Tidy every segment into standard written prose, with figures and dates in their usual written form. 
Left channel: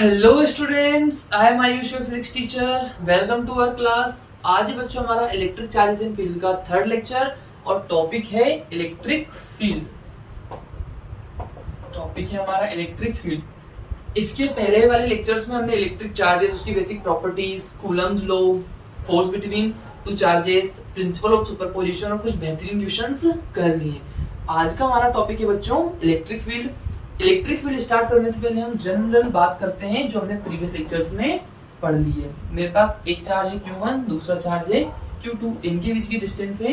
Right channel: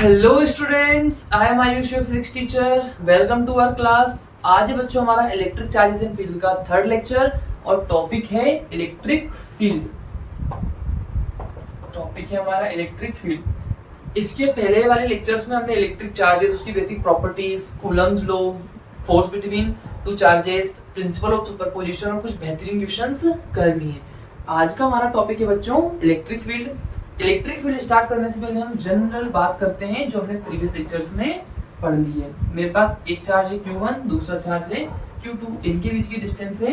Hello students, I am Ayush your physics teacher. Welcome to our class. आज है बच्चों हमारा इलेक्ट्रिक चार्जेस इन फील्ड का थर्ड लेक्चर और टॉपिक है इलेक्ट्रिक फील्ड। टॉपिक है हमारा इलेक्ट्रिक फील्ड। इसके पहले वाले लेक्चर्स में हमने इलेक्ट्रिक चार्जेस, उसकी basic properties, Coulomb's law, force between two charges, principle of superposition और कुछ बेहतरीन क्वेश्चंस कर लिए। आज का हमारा टॉपिक है बच्चों electric field. Electric field start करने से पहले हम जनरल बात करते हैं जो हमने प्रीवियस लेक्चर्स में पढ़ ली है। मेरे पास एक चार्ज है Q1, दूसरा चार्ज है Q2। इनके बीच की डिस्टेंस है,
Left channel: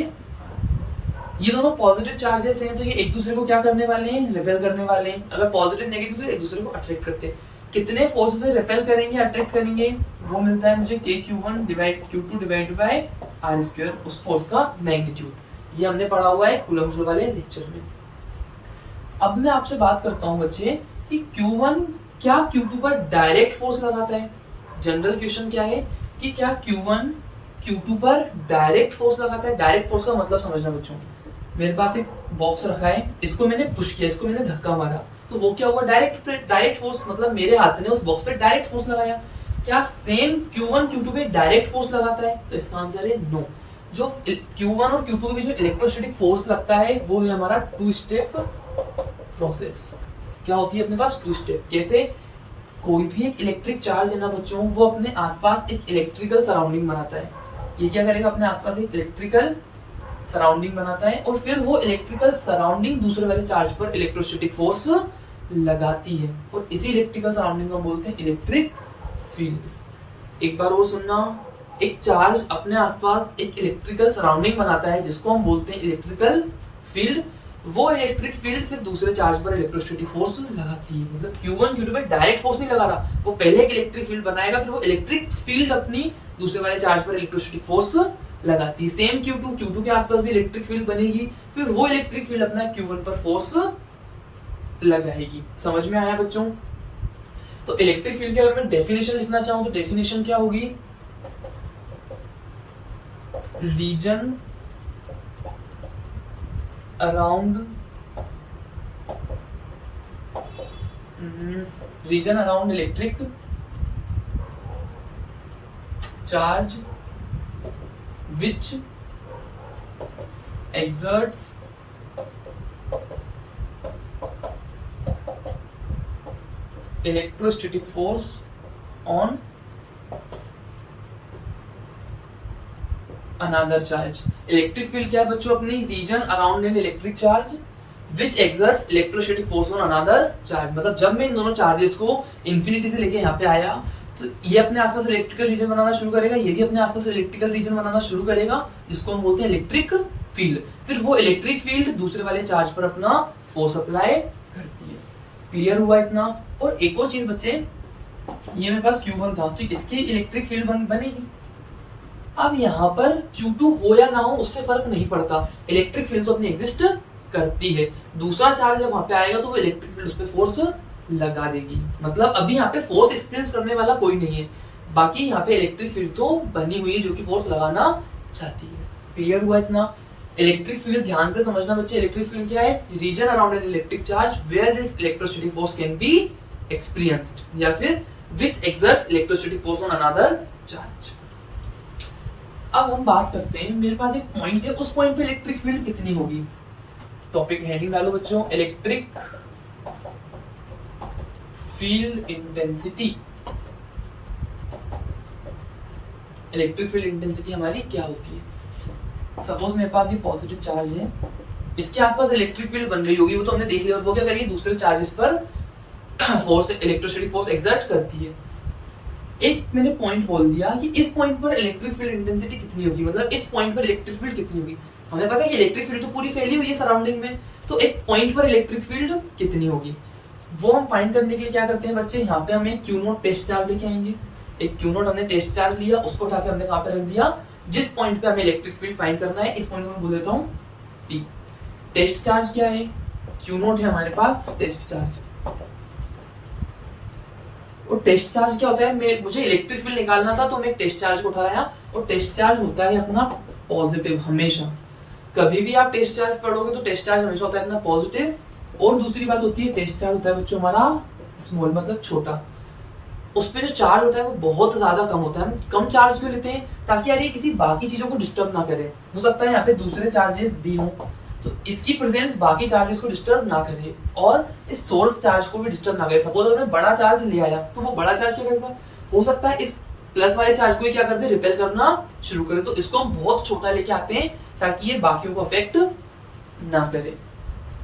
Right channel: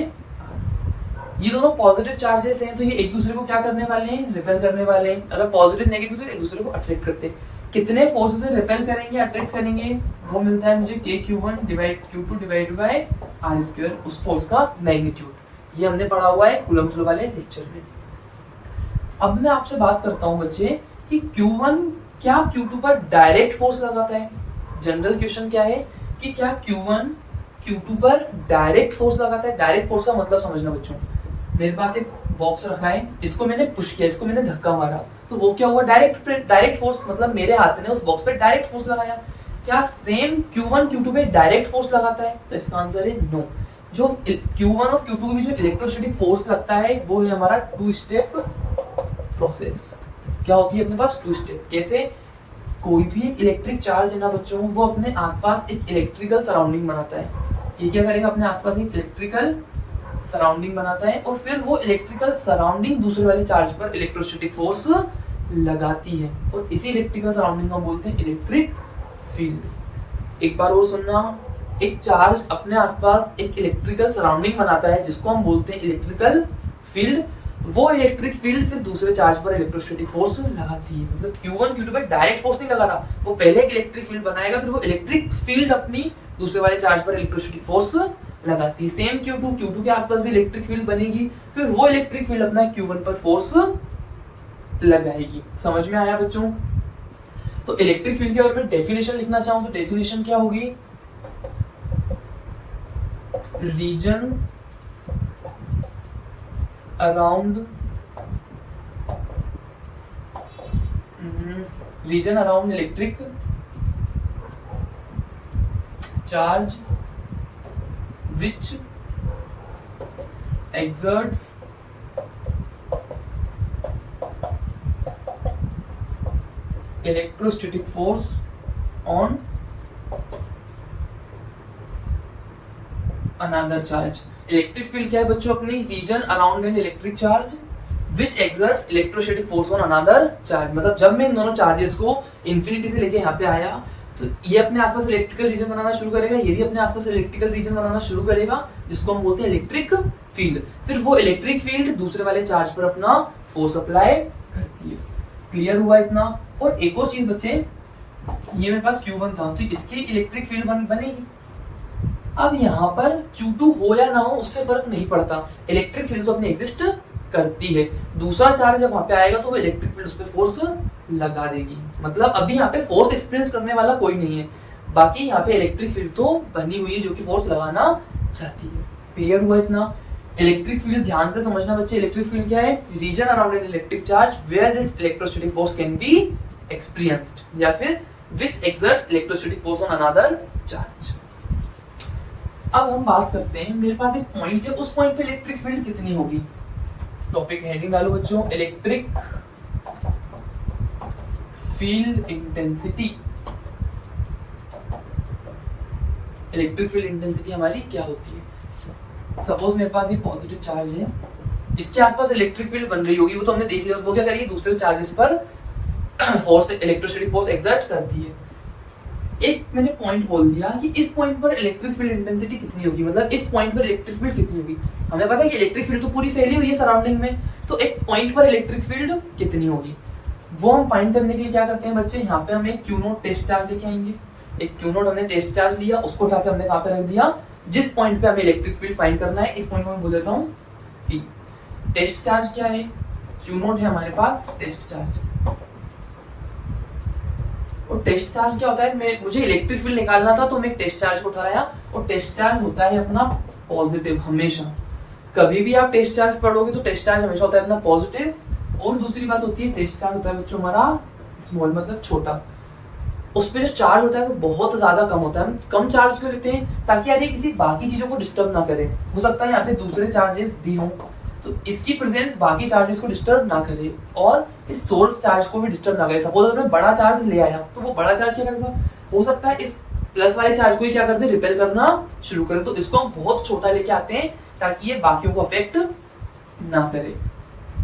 ये दोनों पॉजिटिव चार्जेस हैं तो ये एक दूसरे को क्या करने वाले हैं, रिपेल करने वाले हैं। अगर पॉजिटिव नेगेटिव तो एक दूसरे को अट्रैक्ट करते हैं। कितने फोर्स से रिपेल करेंगे, अट्रैक्ट करेंगे, वो मिलता है मुझे KQ1 divide Q2 divide by R square, उस फोर्स का मैग्नीट्यूड। ये हमने पढ़ा हुआ है कूलम्स लॉ वाले लेक्चर में। अब मैं आपसे बात करता हूं बच्चे कि Q1 क्या Q2 पर डायरेक्ट फोर्स लगाता है। जनरल क्वेश्चन क्या है कि क्या Q1 Q2 पर डायरेक्ट फोर्स लगाता है। डायरेक्ट फोर्स का मतलब समझना बच्चों, मेरे पास एक बॉक्स रखा है, इसको मैंने पुश किया, इसको मैंने धक्का मारा, तो वो क्या हुआ, डायरेक्ट फोर्स, मतलब मेरे हाथ ने उस बॉक्स पे डायरेक्ट फोर्स लगाया। क्या सेम Q1 Q2 पे डायरेक्ट फोर्स लगाता है? तो इसका आंसर है नो। जो Q1 और Q2 के बीच में इलेक्ट्रोस्टैटिक फोर्स लगता है वो है हमारा टू स्टेप प्रोसेस। क्या होती है अपने पास? To step. कैसे? कोई भी एक इलेक्ट्रिक चार्ज है ना बच्चों, वो अपने आसपास एक इलेक्ट्रिकल सराउंडिंग बनाता है। ये क्या करेगा, अपने आसपास एक इलेक्ट्रिकल सराउंडिंग बनाता है और फिर वो इलेक्ट्रिकल सराउंडिंग दूसरे वाले चार्ज पर इलेक्ट्रोस्टैटिक फोर्स लगाती है और इसी इलेक्ट्रिकल सराउंडिंग को बोलते हैं इलेक्ट्रिक फील्ड। एक बार और सुनना, एक चार्ज अपने आसपास एक इलेक्ट्रिकल सराउंडिंग बनाता है जिसको हम बोलते हैं इलेक्ट्रिकल फील्ड। वो इलेक्ट्रिक फील्ड फिर दूसरे चार्ज पर इलेक्ट्रोस्टैटिक फोर्स लगाती है। मतलब Q1 Q2 पर डायरेक्ट फोर्स नहीं लगा रहा, वो पहले एक इलेक्ट्रिक फील्ड बनाएगा, फिर वो इलेक्ट्रिक फील्ड अपनी दूसरे वाले चार्ज पर इलेक्ट्रोस्टैटिक फोर्स लगाती है। सेम Q2 के आसपास भी इलेक्ट्रिक फील्ड बनेगी, फिर वो इलेक्ट्रिक फील्ड अपना Q1 पर फोर्स लगाएगी। समझ में आया बच्चों? तो इलेक्ट्रिक फील्ड की अगर मैं डेफिनेशन लिखना चाहूं तो डेफिनेशन क्या होगी? Region around electric charge which exerts electrostatic force on another charge। Electric field क्या है बच्चों? अपनी reason around an electric charge which exerts electrostatic force on another charge. मतलब जब मैं इन दोनों चार्जेस को इन्फिनिटी से लेके यहाँ पे आया तो ये अपने आसपास इलेक्ट्रिकल रीजन बनाना शुरू करेगा, ये भी अपने आसपास इलेक्ट्रिकल रीजन बनाना शुरू करेगा जिसको हम बोलते हैं इलेक्ट्रिक फील्ड। फिर वो इलेक्ट्रिक फील्ड दूसरे वाले चार्ज पर अपना फोर्स अप्लाई करती है। क्लियर हुआ इतना? और एक और चीज बच्चे, ये मेरे पास Q1 था तो इसकी इलेक्ट्रिक फील्ड बनेगी। अब यहाँ पर Q2 हो या ना हो उससे फर्क नहीं पड़ता, इलेक्ट्रिक फील्ड तो अपने एग्जिस्ट करती है। दूसरा चार्ज जब वहां पे आएगा तो वो इलेक्ट्रिक फील्ड उस पर फोर्स लगा देगी। मतलब अभी यहाँ पे फोर्स एक्सपीरियंस करने वाला कोई नहीं है, बाकी यहाँ पे इलेक्ट्रिक फील्ड तो बनी हुई है जो कि फोर्स लगाना चाहती है। क्लियर हुआ इतना? इलेक्ट्रिक फील्ड ध्यान से समझना बच्चे। इलेक्ट्रिक फील्ड क्या है? Region around an electric charge where its electrostatic force can be experienced, या फिर which exerts electrostatic force on another charge. अब हम बात करते हैं, मेरे पास एक पॉइंट है, उस पॉइंट पे इलेक्ट्रिक फील्ड कितनी होगी। टॉपिक हेडिंग डालो बच्चों, electric field intensity. Electric field intensity हमारी क्या होती है? सपोज मेरे पास ये पॉजिटिव चार्ज है, इसके आसपास इलेक्ट्रिक फील्ड बन रही होगी, वो तो हमने देख लिया। वो क्या करिए, दूसरे चार्जेस पर फोर्स, इलेक्ट्रोस्टैटिक फोर्स एक्सर्ट करती है। एक मैंने पॉइंट बोल दिया कि इस पॉइंट पर इलेक्ट्रिक फील्ड इंटेंसिटी कितनी होगी, मतलब इस पॉइंट पर इलेक्ट्रिक फील्ड कितनी होगी। हमें पता है कि इलेक्ट्रिक फील्ड तो पूरी फैली हुई है सराउंडिंग में, तो एक पॉइंट पर इलेक्ट्रिक फील्ड कितनी होगी वो हम फाइंड करने के लिए क्या करते हैं बच्चे, यहाँ पे हम एक Q0 टेस्ट चार्ज लेके आएंगे। एक Q0 हमने टेस्ट चार्ज लिया, उसको उठा के हमने कहाँ पे रख दिया, जिस पॉइंट पे हमें इलेक्ट्रिक फील्ड फाइंड करना है, इस पॉइंट को मैं बोल देता हूँ P। टेस्ट चार्ज क्या है? Q0 है हमारे पास टेस्ट चार्ज। और टेस्ट चार्ज क्या होता है, मुझे इलेक्ट्रिक फील्ड निकालना था तो मैं एक टेस्ट चार्ज को उठा लाया, और टेस्ट चार्ज होता है अपना पॉजिटिव हमेशा। कभी भी आप टेस्ट चार्ज पढ़ोगे तो टेस्ट चार्ज हमेशा होता है अपना पॉजिटिव। और दूसरी बात होती है टेस्ट चार्ज होता है बच्चों हमारा स्मॉल, मतलब छोटा। उस पे जो चार्ज होता है वो बहुत ज्यादा कम होता है। हम कम चार्ज क्यों लेते हैं? ताकि यार ये किसी बाकी चीजों को डिस्टर्ब ना करे। हो सकता है यहाँ पे दूसरे चार्जेस भी हों, तो इसकी प्रेजेंस बाकी चार्जेस को डिस्टर्ब ना करे और इस सोर्स चार्ज को भी डिस्टर्ब ना करे। सपोज अगर मैं बड़ा चार्ज ले आया तो वो बड़ा चार्ज क्या करेगा? हो सकता है इस प्लस वाले चार्ज को ही क्या करते, रिपेल करना शुरू करे। तो इसको हम बहुत छोटा लेके आते हैं ताकि ये बाकियों को अफेक्ट ना करे।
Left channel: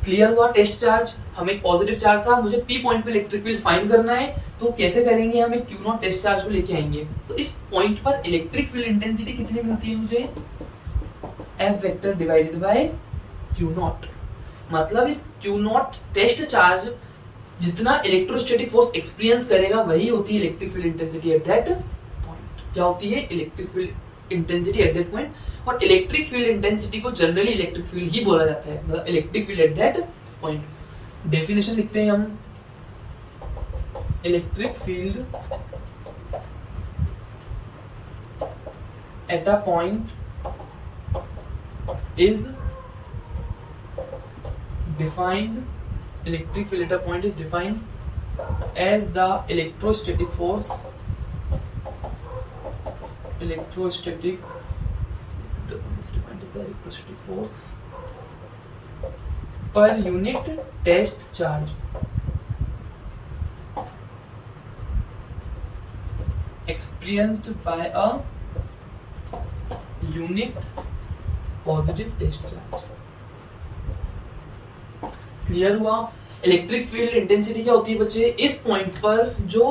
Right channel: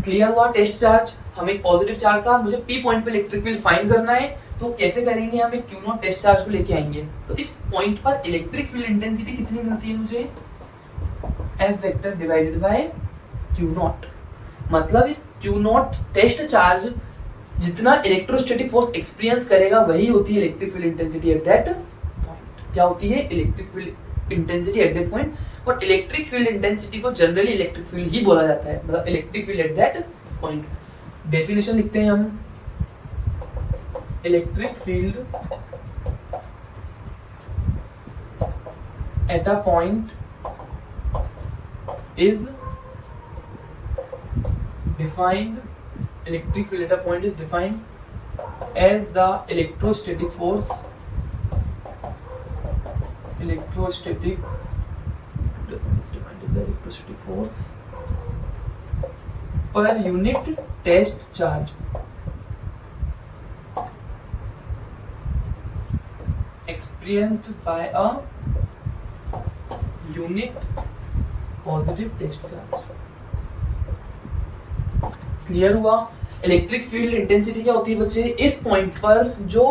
क्लियर हुआ? टेस्ट चार्ज हमें एक पॉजिटिव चार्ज था, मुझे पी पॉइंट पे इलेक्ट्रिक फील्ड फाइंड करना है, तो कैसे करेंगे? हम एक क्यू नॉट टेस्ट चार्ज को लेके आएंगे। तो इस पॉइंट पर इलेक्ट्रिक फील्ड इंटेंसिटी कितनी मिलती है मुझे? F vector divided by Q naught. मतलब इस क्यू नॉट टेस्ट चार्ज जितना इलेक्ट्रोस्टैटिक फोर्स एक्सपीरियंस करेगा वही होती है electric field intensity at that point. क्या होती है? Electric field intensity at that point. और इलेक्ट्रिक फील्ड इंटेंसिटी को जनरली इलेक्ट्रिक फील्ड ही बोला जाता है, मतलब electric field at that point. Definition लिखते हैं हम, electric field at a point is defined, electric field at a point is defined as the electrostatic force per unit test charge experienced by a unit positive test charge। Clear हुआ? Electric field intensity क्या होती है बच्चे? इस point पर जो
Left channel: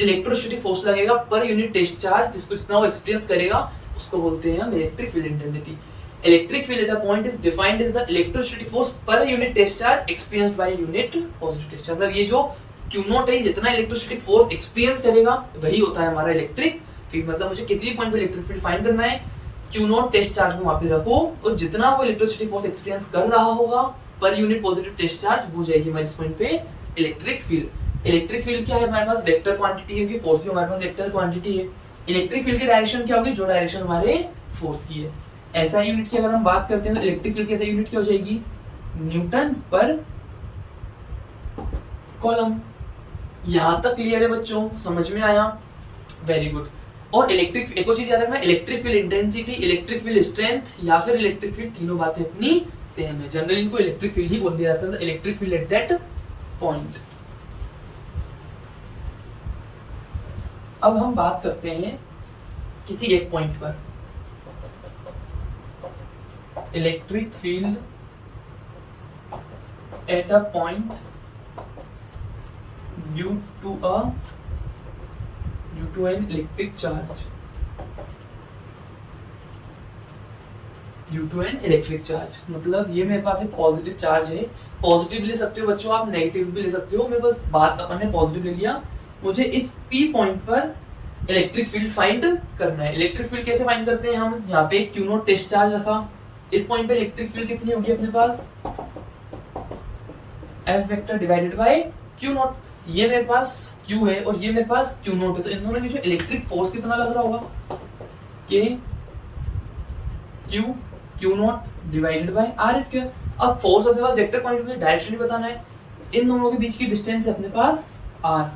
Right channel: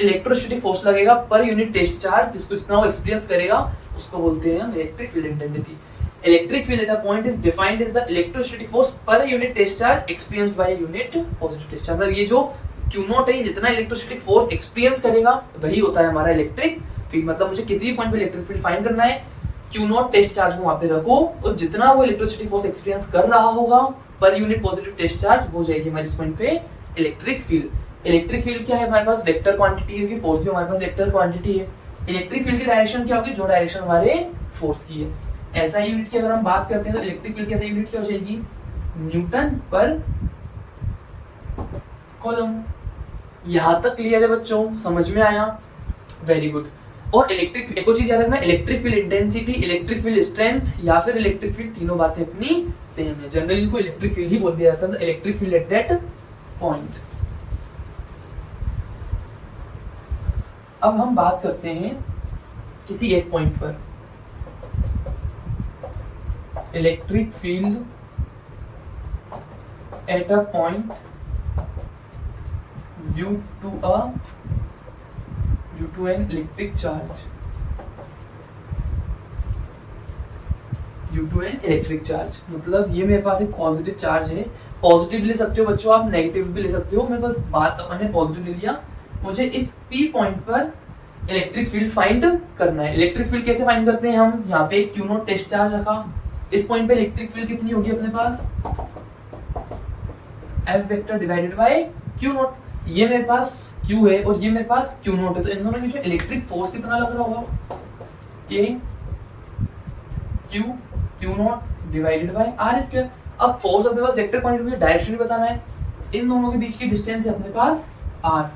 electrostatic force लगेगा पर यूनिट टेस्ट चार्ज, जिसको जितना वो एक्सपीरियंस करेगा उसको बोलते हैं हम electric field intensity. Electric field at a point is defined as the electrostatic force per unit test charge experienced by unit positive test charge. मतलब ये जो क्यू नॉट है, जितना इलेक्ट्रोस्टैटिक फोर्स एक्सपीरियंस करेगा वही होता है हमारा इलेक्ट्रिक फील्ड। मतलब मुझे किसी भी पॉइंट पे इलेक्ट्रिक फील्ड फाइंड करना है, क्यू नॉट टेस्ट चार्ज को वहां पे रखो और जितना वो इलेक्ट्रोस्टैटिक फोर्स एक्सपीरियंस कर रहा होगा per unit positive test charge हो जाएगी हमारे पॉइंट पे इलेक्ट्रिक फील्ड। इलेक्ट्रिक फील्ड क्या है? हमारे पास वेक्टर क्वांटिटी होगी, फोर्स भी हमारे पास वेक्टर क्वांटिटी है। इलेक्ट्रिक फील्ड की डायरेक्शन क्या होगी? जो डायरेक्शन हमारे फोर्स की है। ऐसा यूनिट की अगर हम बात करते हैं तो इलेक्ट्रिक फील्ड की ऐसा यूनिट क्या हो जाएगी? न्यूटन पर कॉलम। यहां तक क्लियर है बच्चों? समझ में आया? Very good. और इलेक्ट्रिक, एक और चीज याद रखना, electric field intensity, electric field strength या फिर इलेक्ट्रिक फील्ड, तीनों बातें अपनी सेम है। जनरली इनको इलेक्ट्रिक फील्ड ही बोल दिया जाता है, electric field at that point. अब हम बात करते हैं किसी एक पॉइंट पर electric field at a point due to an electric charge, due to an electric charge. मतलब ये मेरे पास एक पॉजिटिव चार्ज है, पॉजिटिव ले सकते हो बच्चों आप, नेगेटिव भी ले सकते हो। मेरे पास बात अपन ने पॉजिटिव ले लिया, मुझे इस पी पॉइंट पर इलेक्ट्रिक फील्ड फाइंड करना है। इलेक्ट्रिक फील्ड कैसे फाइंड करते हैं हम? यहाँ पे क्यू नॉट टेस्ट चार्ज रखा, इस पॉइंट पे इलेक्ट्रिक फील्ड कितनी होगी अपने पास? F vector divided by Q naught. ये मेरे पास क्यू है और ये मेरे पास क्यू नॉट है, तो इन दोनों में इलेक्ट्रिक फोर्स कितना लग रहा होगा? K q naught divided by r square. अब फोर्स अपने पास वेक्टर पॉइंट में डायरेक्शन भी बताना है, इन दोनों के बीच की डिस्टेंस है अपने पास आर,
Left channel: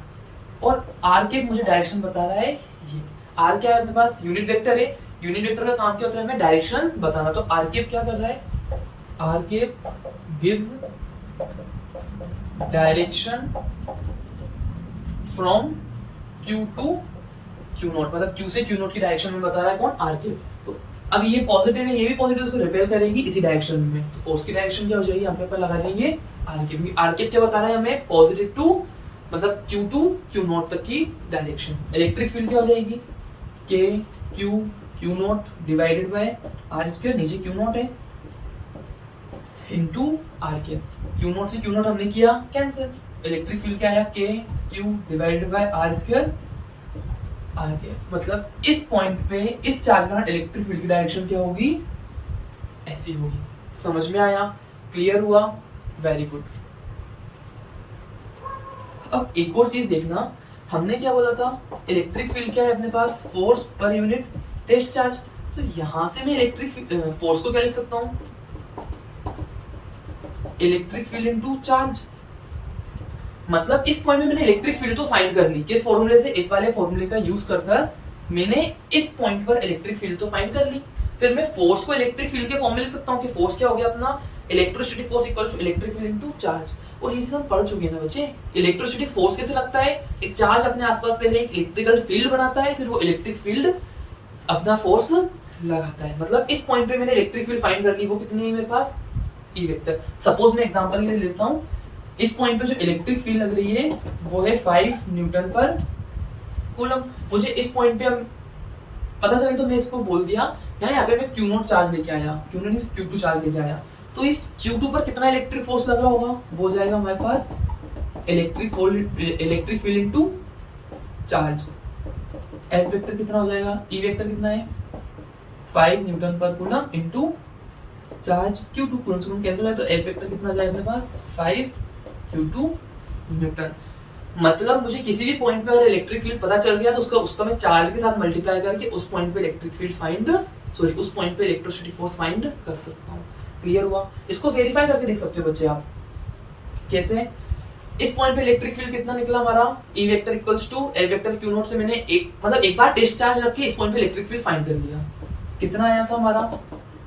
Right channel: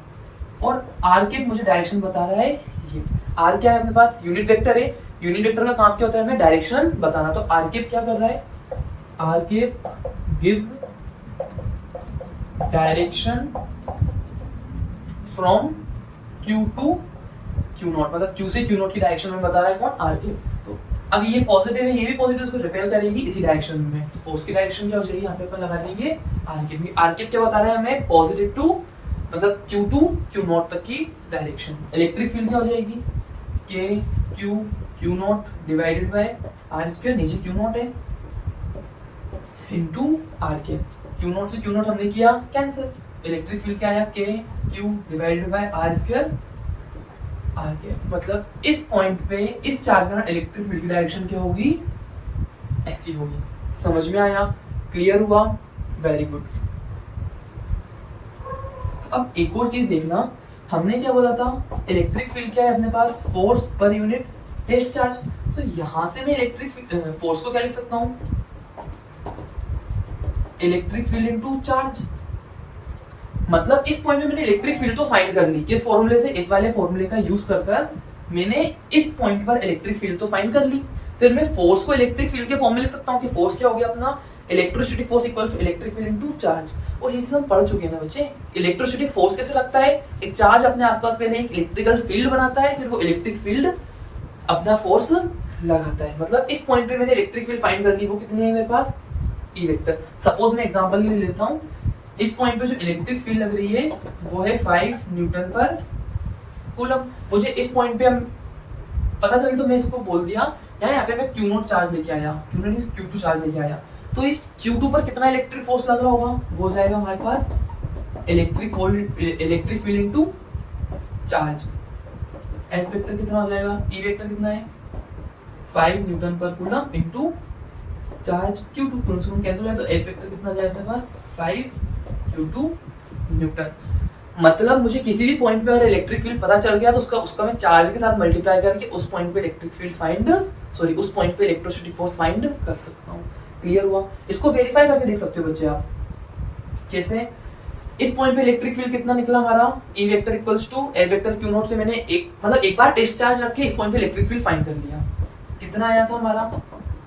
और आर के मुझे डायरेक्शन बता रहा है ये। आर क्या है अपने पास? यूनिट वेक्टर है, यूनिट वेक्टर का काम क्या होता है? हमें डायरेक्शन बताना। तो आर के क्या कर रहा है? R k gives direction from q to q naught, मतलब क्यू से क्यू नॉट की डायरेक्शन में बता रहा है कौन? आर के। तो अब ये पॉजिटिव है, ये भी पॉजिटिव, उसको रिपेल करेगी इसी डायरेक्शन में, तो फोर्स की डायरेक्शन क्या हो जाएगी? यहाँ पे अपन लगा देंगे आर के। आर के क्या बता रहा है हमें? पॉजिटिव टू, मतलब क्यू टू क्यू नॉट तक की डायरेक्शन। इलेक्ट्रिक फील्ड क्या हो जाएगी? K q naught divided by r square, नीचे क्यू नॉट है, into r k. Q naught से क्यू नॉट हमने किया कैंसिल, इलेक्ट्रिक फील्ड क्या आया? K q divided by r square r k. मतलब इस पॉइंट पे इस चार्ज का इलेक्ट्रिक फील्ड की डायरेक्शन क्या होगी? ऐसी होगी। समझ में आया? क्लियर हुआ? Very good. अब एक और चीज देखना, हमने क्या बोला था? इलेक्ट्रिक फील्ड क्या है अपने पास? Force per unit test charge. तो यहां से मैं इलेक्ट्रिक फोर्स को क्या लिख सकता हूं? Electric field into charge. मतलब इस पॉइंट में मैंने इलेक्ट्रिक फील्ड तो फाइंड कर ली, किस फॉर्मूले से, इस वाले फॉर्मूले का यूज कर मैंने इस पॉइंट पर इलेक्ट्रिक फील्ड तो फाइंड कर ली। फिर मैं फोर्स को इलेक्ट्रिक फील्ड के फॉर्म में लिख सकता हूँ कि फोर्स क्या हो गया अपना, electrostatic force equal to electric field into charge. और इसे हम पढ़ चुके हैं ना बच्चे, इलेक्ट्रोस्टैटिक फोर्स कैसे लगता है, एक चार्ज अपने आसपास पहले एक इलेक्ट्रिकल फील्ड बनाता है, फिर वो इलेक्ट्रिक फील्ड अपना फोर्स लगाता है। मतलब इस पॉइंट पे मैंने इलेक्ट्रिक फील्ड फाइंड कर ली, वो कितनी है मेरे पास, ई वेक्टर। सपोज मैं एग्जांपल के लिए लेता हूँ, इस पॉइंट पे जो इलेक्ट्रिक फील्ड लग रही है वो है 5 न्यूटन पर कूलम। मुझे इस पॉइंट पे हम पता चली तो मैं इसको बोल दिया यहाँ पे मैं Q0 चार्ज लेके आया, Q0 नहीं Q2 चार्ज लेके आया, तो इस Q2 पर कितना इलेक्ट्रिक फोर्स लग रहा होगा, वो हो जाएगा हमारे पास electric field into charge. F vector कितना हो जाएगा, E वेक्टर कितना है 5 न्यूटन पर coulomb into charge Q2, coulomb cancel है तो F वेक्टर कितना जाएगा अपने पास 5 Q2 न्यूटन। मतलब मुझे किसी भी पॉइंट पे अगर इलेक्ट्रिक फील्ड पता चल गया तो उसका मैं चार्ज के साथ मल्टीप्लाई करके उस पॉइंट पे इलेक्ट्रिक फील्ड उस पॉइंट पे इलेक्ट्रोस्टैटिक फोर्स फाइंड कर सकता हूँ। क्लियर हुआ? इसको वेरीफाई करके देख सकते हो बच्चे आप। कैसे? इस पॉइंट पे इलेक्ट्रिक फील्ड कितना निकला हमारा, E vector equals to F vector Q0 से मैंने एक बार टेस्ट चार्ज रख के इस पॉइंट पे इलेक्ट्रिक फील्ड फाइंड कर लिया। कितना आया था हमारा,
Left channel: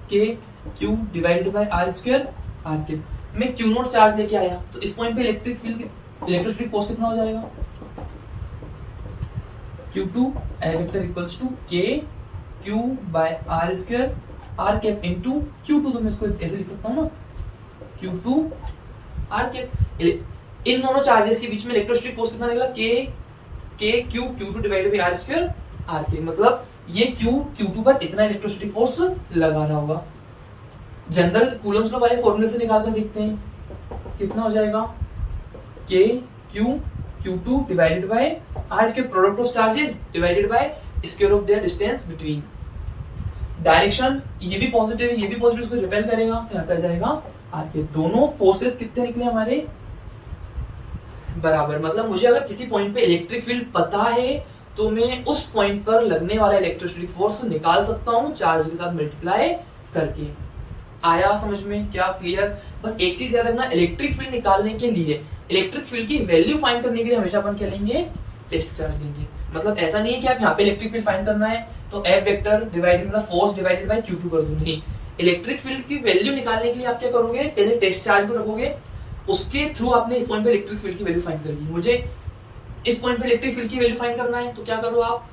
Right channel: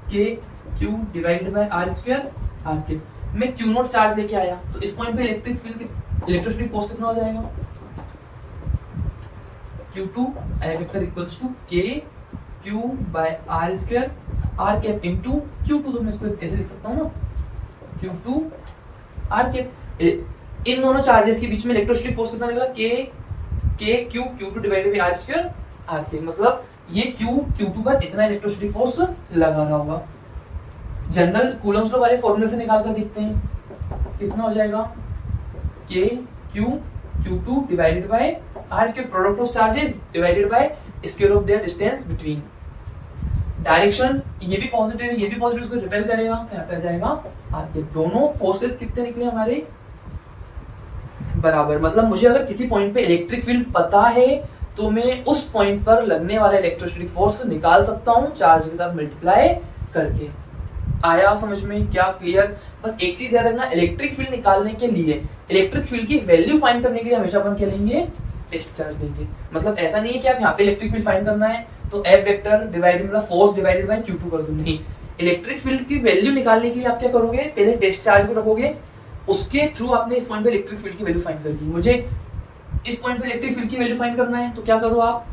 K Q divided by R square R के। मैं Q0 चार्ज लेके आया तो इस पॉइंट पे इलेक्ट्रोस्टैटिक फोर्स कितना हो जाएगा, Q2 F vector equals to K Q by R square R cap into Q2, तो मैं इसको ऐसे लिख सकता हूँ ना, Q2 R कैप। इन दोनों चार्जेस के बीच में इलेक्ट्रोस्टैटिक फोर्स कितना निकला, K Q Q2 divided by R square R के। मतलब ये Q2 पर इतना इलेक्ट्रोस्टैटिक फोर्स लगा रहा होगा। जनरल कूलम्स लॉ वाले फॉर्मूले से निकाल कर देखते हैं कितना हो जाएगा, K Q Q2 divided by R के product of charges divided by square of their distance between. Direction ये भी पॉजिटिव है, ये भी पॉजिटिव, इसको रिपेल करेगा तो यहाँ पे आ जाएगा R के। दोनों फोर्सेस कितने निकले हमारे, बराबर। मतलब मुझे अगर किसी पॉइंट पे इलेक्ट्रिक फील्ड पता है तो मैं उस पॉइंट पर लगने वाला इलेक्ट्रोस्टैटिक फोर्स निकाल सकता हूँ चार्ज के साथ मल्टीप्लाई करके। आया समझ में? क्या क्लियर? बस एक चीज याद रखना, इलेक्ट्रिक फील्ड निकालने के लिए, इलेक्ट्रिक फील्ड की वैल्यू फाइंड करने के लिए हमेशा अपन क्या लेंगे, टेस्ट चार्ज लेंगे। मतलब ऐसा नहीं है कि आप यहाँ पे इलेक्ट्रिक फील्ड फाइंड करना है तो F वेक्टर डिवाइडेड मतलब फोर्स डिवाइडेड बाय Q2 कर दो, नहीं। इलेक्ट्रिक फील्ड की वैल्यू निकालने के लिए आप क्या करोगे, पहले टेस्ट चार्ज को रखोगे, उसके थ्रू आपने इस पॉइंट पे इलेक्ट्रिक फील्ड की वैल्यू फाइंड करनी। मुझे इस पॉइंट पे इलेक्ट्रिक फील्ड की वैल्यू फाइंड करना है तो क्या करो आप,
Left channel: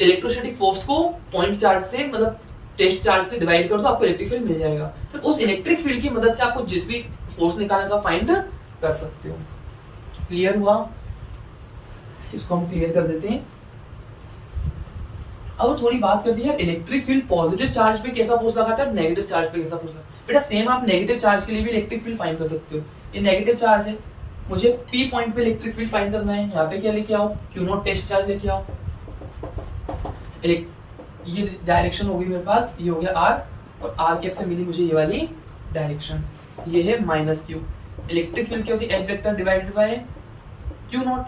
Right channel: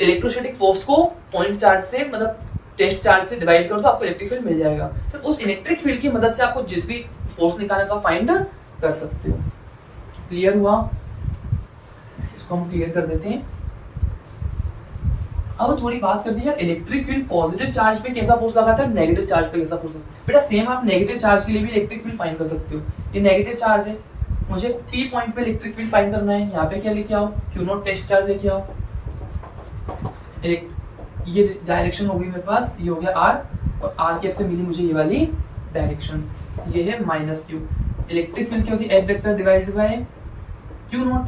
इलेक्ट्रोस्टैटिक फोर्स को पॉइंट चार्ज से मतलब टेस्ट चार्ज से डिवाइड कर दो, आपको इलेक्ट्रिक फील्ड मिल जाएगा। फिर उस इलेक्ट्रिक फील्ड की मदद से आपको जिस भी फोर्स निकालना था फाइंड कर सकते हो। क्लियर हुआ? इसको हम क्लियर कर देते हैं। अब थोड़ी बात करते हैं यार, इलेक्ट्रिक फील्ड पॉजिटिव चार्ज पे कैसा फोर्स लगाता है, नेगेटिव चार्ज पे कैसा फोर्स लगाता है। बेटा सेम आप नेगेटिव चार्ज के लिए भी इलेक्ट्रिक फील्ड फाइंड कर सकते हो। ये नेगेटिव चार्ज है, मुझे P पॉइंट पे इलेक्ट्रिक फील्ड फाइंड करना है, यहाँ पे क्या लेके आओ, Q0 टेस्ट चार्ज लेके आओ। ये डायरेक्शन हो गई मेरे पास, ये हो गया R और R कैप से मिली मुझे ये वाली डायरेक्शन, ये है -Q। इलेक्ट्रिक फील्ड क्या होती है, F vector divided bye Q0।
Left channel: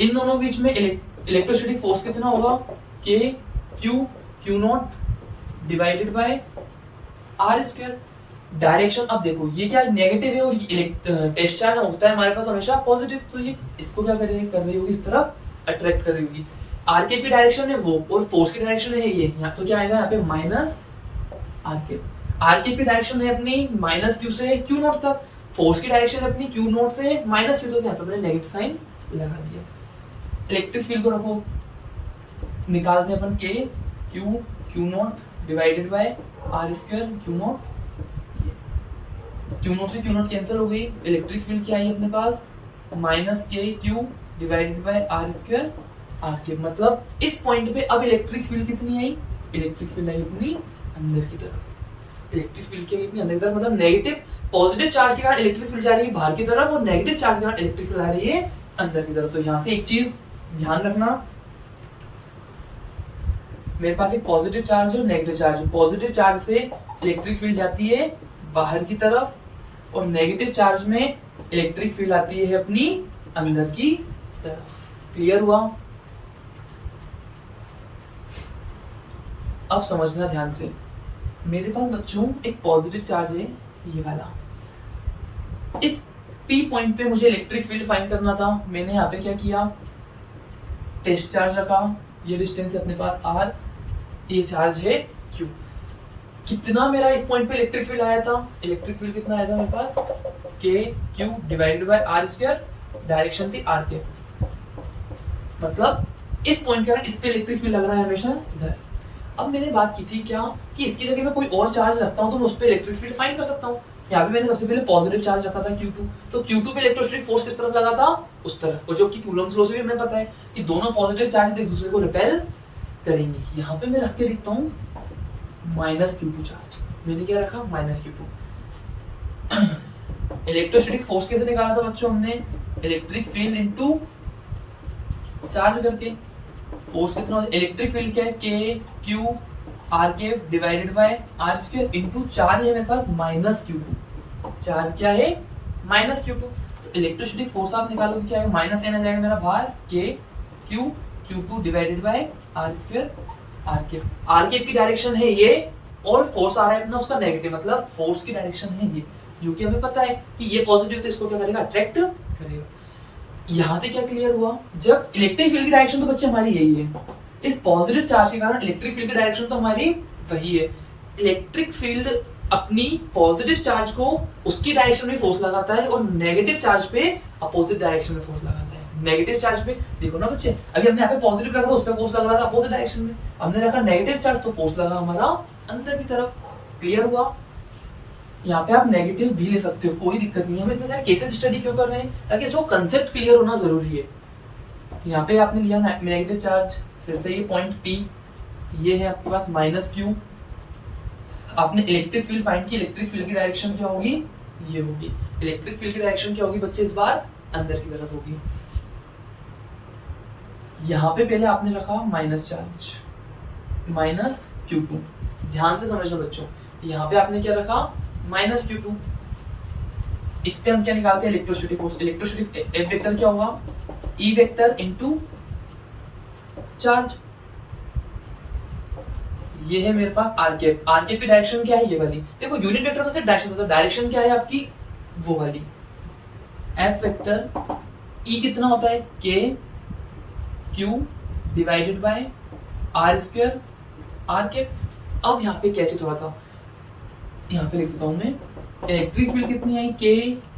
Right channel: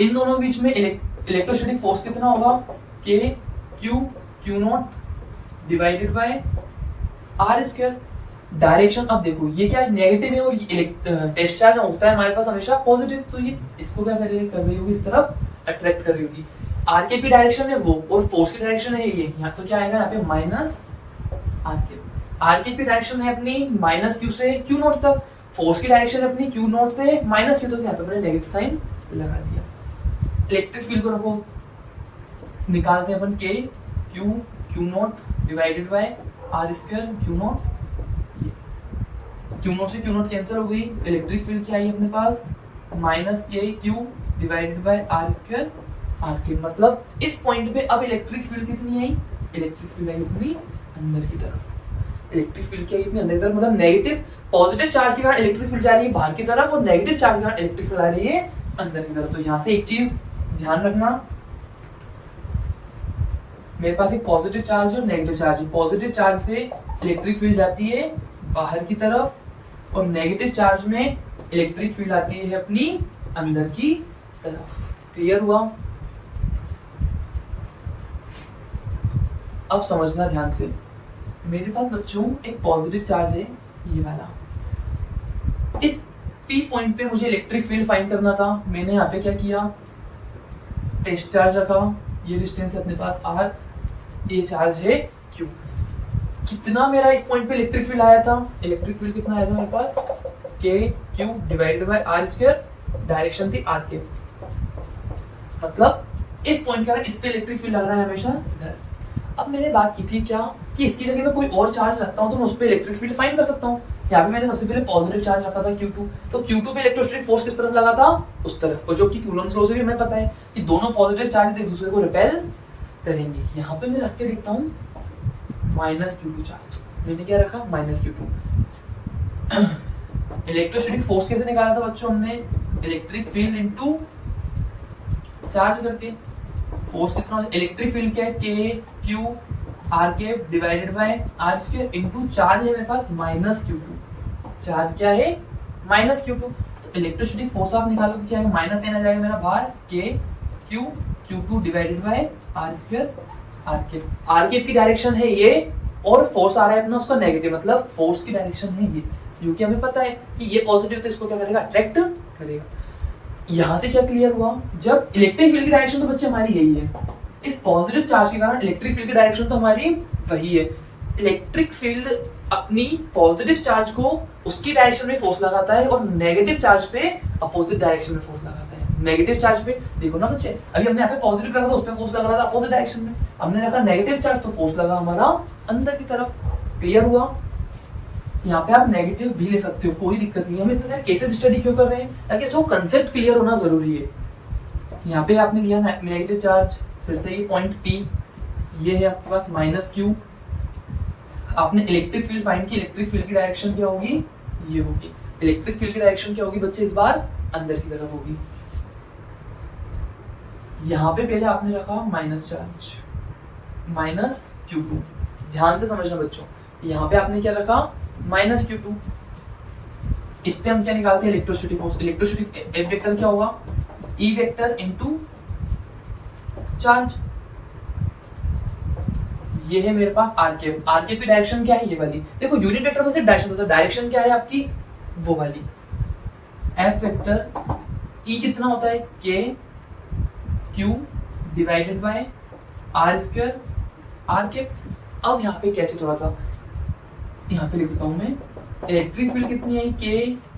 इन दोनों के बीच में इलेक्ट्रोस्टैटिक फोर्स कितना होगा, K Q Q0 divided by R square. Direction अब देखो ये क्या नेगेटिव है और ये टेस्ट चार्ज होता है हमारे पास हमेशा पॉजिटिव, तो ये इसको क्या कर रही होगी, इस तरफ अट्रैक्ट कर रही होगी। आर के पी डायरेक्शन है वो और फोर्स की डायरेक्शन है ये, यहाँ तो क्या आएगा यहाँ पे माइनस आर के पी डायरेक्शन है अपनी -Q से Q0 तक, फोर्स की डायरेक्शन है अपनी Q0 से -Q तक, यहाँ पे अपने नेगेटिव साइन लगा दिया। इलेक्ट्रिक फील्ड को रखो, निकालते हैं अपन K Q Q0 divided by R square Q0। Q0 से Q0 कैंसिल हो गई, इलेक्ट्रिक फील्ड क्या आई अपने पास, -K Q divided by R square R के। मतलब इस पॉइंट पे अब इलेक्ट्रिक फील्ड कितनी आई, इलेक्ट्रिक फील्ड आई अपनी अंदर की तरफ। इलेक्ट्रिक फील्ड क्या आई अपनी अंदर की तरफ, मतलब नेगेटिव पॉजिटिव चार्ज के कारण इलेक्ट्रिक फील्ड जा रही है बाहर की तरफ और नेगेटिव चार्ज के कारण इलेक्ट्रिक फील्ड आ रही है अंदर की तरफ। तो यहाँ से एक चीज ध्यान रखना, मेरे पास एक पॉजिटिव चार्ज और नेगेटिव चार्ज। पॉजिटिव चार्ज से इलेक्ट्रिक फील्ड जाती है बाहर की तरफ और नेगेटिव चार्ज में इलेक्ट्रिक फील्ड आती है अपनी अंदर की तरफ। क्लियर हुआ? अब समझना ध्यान से, मेरे पास बच्चों एक पॉजिटिव चार्ज है ये वाला, इस P पॉइंट पे मुझे इलेक्ट्रिक फील्ड फाइंड करना था। मैंने यहाँ पे क्या किया, टेस्ट चार्ज रखा, ये डिस्टेंस है अपने पास r, ये चार्ज है q। कितना मेरा इस पॉइंट पे इलेक्ट्रिक फील्ड आया था, इलेक्ट्रिक फील्ड कितना आया था मेरे पास, k q divided by r square, direction थी r के, मतलब इस पॉइंट के कारण इस पे इलेक्ट्रिक फील्ड लग रहा है हमेशा इधर। अब मैंने बात की थी क्या कि इसकी जगह मैं कोई और चार्ज रखता हूँ तो मैं उस पे इलेक्ट्रिक फील्ड फाइंड कर सकता हूँ। यहाँ पे मैंने सबसे पहले पॉजिटिव चार्ज रखा था Q2, तो Q2 पे इलेक्ट्रोस्टैटिक फोर्स किस तरफ लगा था, उस तरफ, और जो कि कूलम्ब्स लॉ से भी हमें पता है कि दोनों पॉजिटिव चार्ज एक दूसरे को रिपेल करेंगे। यहाँ पे मैं रख के देखता हूँ -Q2 चार्ज, मैंने क्या रखा -Q2। इलेक्ट्रोस्टैटिक फोर्स कैसे निकाला था बच्चों हमने, इलेक्ट्रिक फील्ड इनटू चार्ज करके। फोर्स कितना, इलेक्ट्रिक फील्ड क्या है, K Q R के divided by R square into charge है मेरे पास -Q2, चार्ज क्या है -Q2। तो इलेक्ट्रोस्टैटिक फोर्स आप निकालोगे क्या है, -n आ जाएगा मेरा बाहर, K Q Q2 divided by R square R के की डायरेक्शन है ये, और फोर्स आ रहा है अपना उसका नेगेटिव, मतलब फोर्स की डायरेक्शन है ये, क्योंकि हमें पता है कि ये पॉजिटिव तो इसको क्या करेगा, अट्रैक्ट करेगा। यहां से क्या क्लियर हुआ, जब इलेक्ट्रिक फील्ड की डायरेक्शन तो बच्चे हमारी यही है, इस पॉजिटिव चार्ज के कारण इलेक्ट्रिक फील्ड की डायरेक्शन तो हमारी वही है। इलेक्ट्रिक फील्ड अपनी पॉजिटिव चार्ज को उसकी डायरेक्शन में फोर्स लगाता है और नेगेटिव चार्ज पे अपोजिट डायरेक्शन में फोर्स लगाता है। नेगेटिव चार्ज पे देखो ना बच्चे, अभी हमने यहाँ पे पॉजिटिव रखा था, उस पे फोर्स लग रहा था अपोजिट डायरेक्शन में, हमने रखा नेगेटिव चार्ज तो फोर्स लगा हमारा अंदर की तरफ। क्लियर हुआ। यहाँ पे आप नेगेटिव भी ले सकते हो, कोई दिक्कत नहीं है। हम इतने सारे केसेस स्टडी क्यों कर रहे हैं, ताकि जो कंसेप्ट क्लियर होना जरूरी है। यहाँ पे आपने लिया नेगेटिव चार्ज, फिर से ये पॉइंट P, ये है आपके पास -Q। आपने इलेक्ट्रिक फील्ड फाइंड की, इलेक्ट्रिक फील्ड की डायरेक्शन क्या होगी, ये होगी। इलेक्ट्रिक फील्ड की डायरेक्शन क्या होगी बच्चे, इस बार अंदर की तरफ होगी। यहाँ पे पहले आपने रखा माइनस चार्ज, -Q2, ध्यान से समझना बच्चों। यहाँ पे आपने क्या रखा, -Q2। इस पे हम क्या निकालते हैं, electrostatic force. Electrostatic F vector क्या होगा, E वेक्टर इनटू चार्ज। ये है मेरे पास आर के की डायरेक्शन क्या है, ये वाली। देखो यूनिट वेक्टर में से डायरेक्शन होता है, डायरेक्शन क्या है आपकी, वो वाली। F वेक्टर E कितना होता है, K Q divided by R square R के। अब यहाँ पे क्या चाहिए, थोड़ा सा यहाँ पे लिख देता हूँ मैं, इलेक्ट्रिक फील्ड कितनी आई, K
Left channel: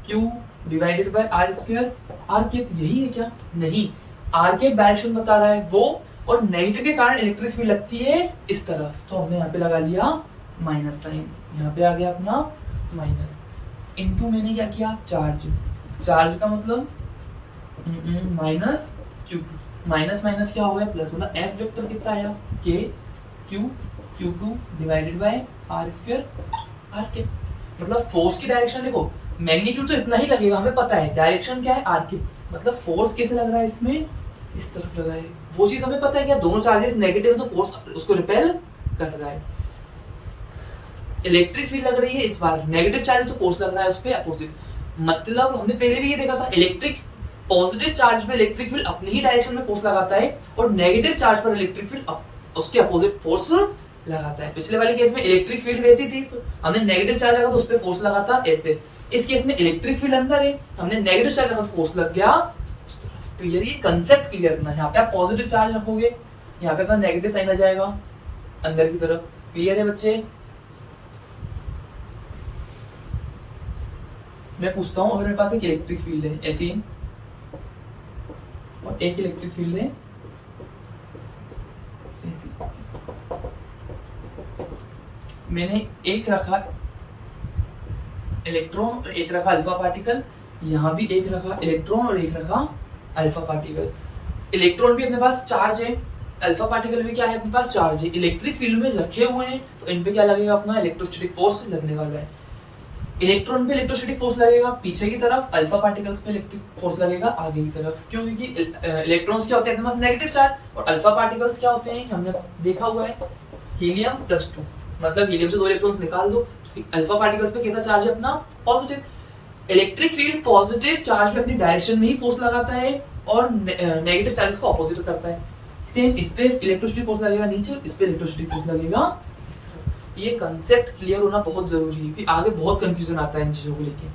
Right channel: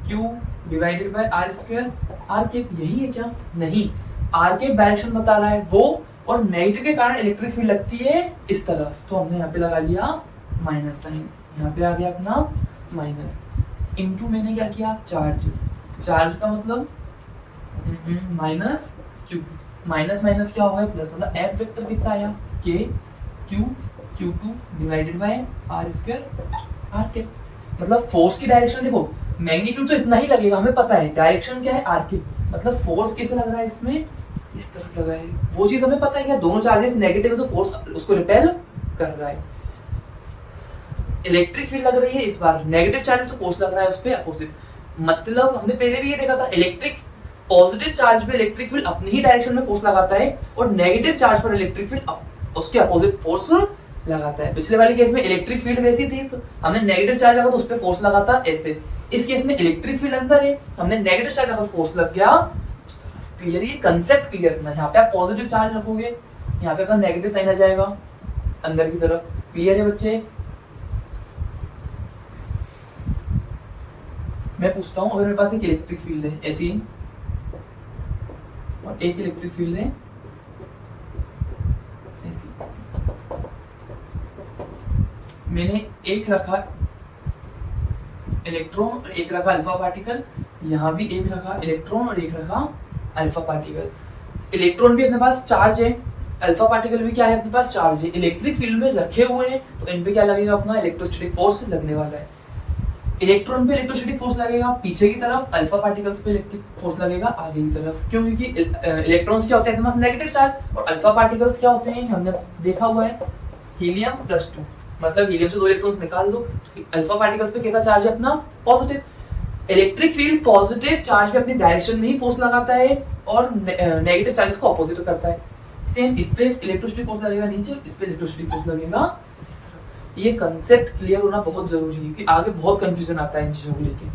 Q divided by R square R के। यही है क्या, नहीं, R के डायरेक्शन बता रहा है वो, और नेगेटिव के कारण इलेक्ट्रिक फील्ड लगती है इस तरफ, तो हमने यहाँ पे लगा लिया माइनस साइन, यहाँ पे आ गया अपना माइनस, इनटू मैंने क्या किया, चार्ज का मतलब -Q2, माइनस क्या हो गया प्लस, मतलब F वेक्टर कितना आया, K Q Q2 divided by R square R के। मतलब फोर्स की डायरेक्शन देखो, मैग्नीट्यूड तो इतना ही लगेगा, हमें पता है डायरेक्शन क्या है R की, मतलब फोर्स कैसे लग रहा है इसमें, इस तरफ लग रहा है। वो चीज हमें पता है क्या, दोनों चार्जेस नेगेटिव है तो फोर्स उसको रिपेल कर रहा है। इलेक्ट्रिक फील्ड लग रही है इस बार, नेगेटिव चार्ज तो फोर्स लग रहा है उस पे अपोजिट। मतलब हमने पहले भी ये देखा था, इलेक्ट्रिक पॉजिटिव चार्ज पे इलेक्ट्रिक फील्ड अपनी ही डायरेक्शन में फोर्स लगाता है, और नेगेटिव चार्ज पर इलेक्ट्रिक फील्ड उसके अपोजिट फोर्स लगाता है। पिछले वाले केस में इलेक्ट्रिक फील्ड वैसी थी, तो हमने नेगेटिव चार्ज लगा तो उस पर फोर्स लगाता ऐसे। इस केस में इलेक्ट्रिक फील्ड अंदर है, हमने नेगेटिव चार्ज लगा तो फोर्स लग गया। क्लियर, ये कंसेप्ट क्लियर करना है। यहाँ पे आप पॉजिटिव चार्ज रखोगे, यहाँ पे अपना नेगेटिव साइन आ जाएगा अंदर की तरफ। क्लियर है बच्चे। मैं पूछता हूँ, अगर मेरे पास एक इलेक्ट्रिक फील्ड है ऐसी, और एक इलेक्ट्रिक फील्ड है ऐसी, मैंने एक रखा इलेक्ट्रॉन और एक रखा अल्फा पार्टिकल, यहाँ भी एक रखा इलेक्ट्रॉन और एक रखा अल्फा पार्टिकल। इलेक्ट्रॉन भी अपने पास चार्ज है, अल्फा पार्टिकल भी क्या है अपने पास चार्ज है। इलेक्ट्रिक फील्ड में रखे हुए हैं तो इन पे क्या लगेगा, अपना इलेक्ट्रोस्टैटिक फोर्स लगने वाला है। इलेक्ट्रॉन पे इलेक्ट्रोस्टैटिक फोर्स लगेगा पीछे की तरफ, अल्फा पार्टिकल्स पे इलेक्ट्रिक फोर्स लगेगा आगे की तरफ। क्यों, क्योंकि इलेक्ट्रॉन्स क्या होते हैं अपने पास नेगेटिव चार्ज, और अल्फा पार्टिकल्स क्या होते हैं, हमने देखा हुआ है हीलियम +2, मतलब हीलियम से 2 इलेक्ट्रॉन्स निकाल दो। अल्फा पार्टिकल्स पे कैसा चार्ज है अपना, positive. Electric field positive charge पे अपनी डायरेक्शन में ही फोर्स लगाता है और नेगेटिव चार्ज को अपोजिट करता है। सेम इस पे इलेक्ट्रोस्टैटिक फोर्स लगेगा नीचे, इस पे इलेक्ट्रोस्टैटिक फोर्स लगेगा इस तरफ। ये कंसेप्ट क्लियर होना बहुत जरूरी है, क्योंकि आगे बहुत कंफ्यूजन आता है इन चीजों को लेके।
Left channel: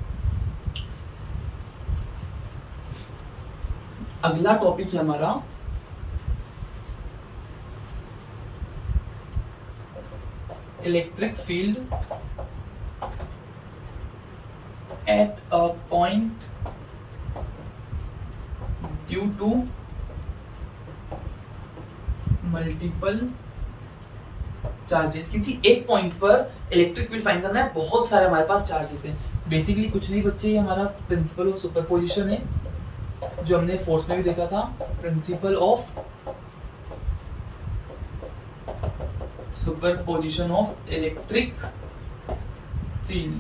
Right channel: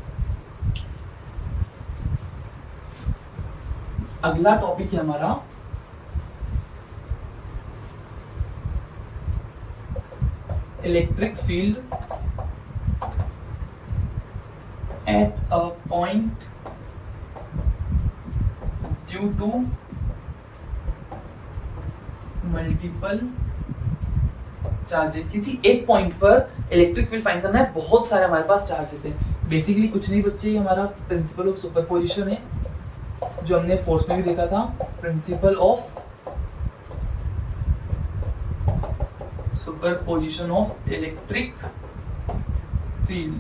अगला टॉपिक है हमारा electric field at a point due to multiple charges. किसी एक पॉइंट पर इलेक्ट्रिक फील्ड फाइंड करना है, बहुत सारे हमारे पास चार्जेस हैं। बेसिकली कुछ नहीं बच्चे, ये हमारा प्रिंसिपल ऑफ सुपरपोजिशन है जो हमने फोर्स में भी देखा था। Principle of superposition of electric field.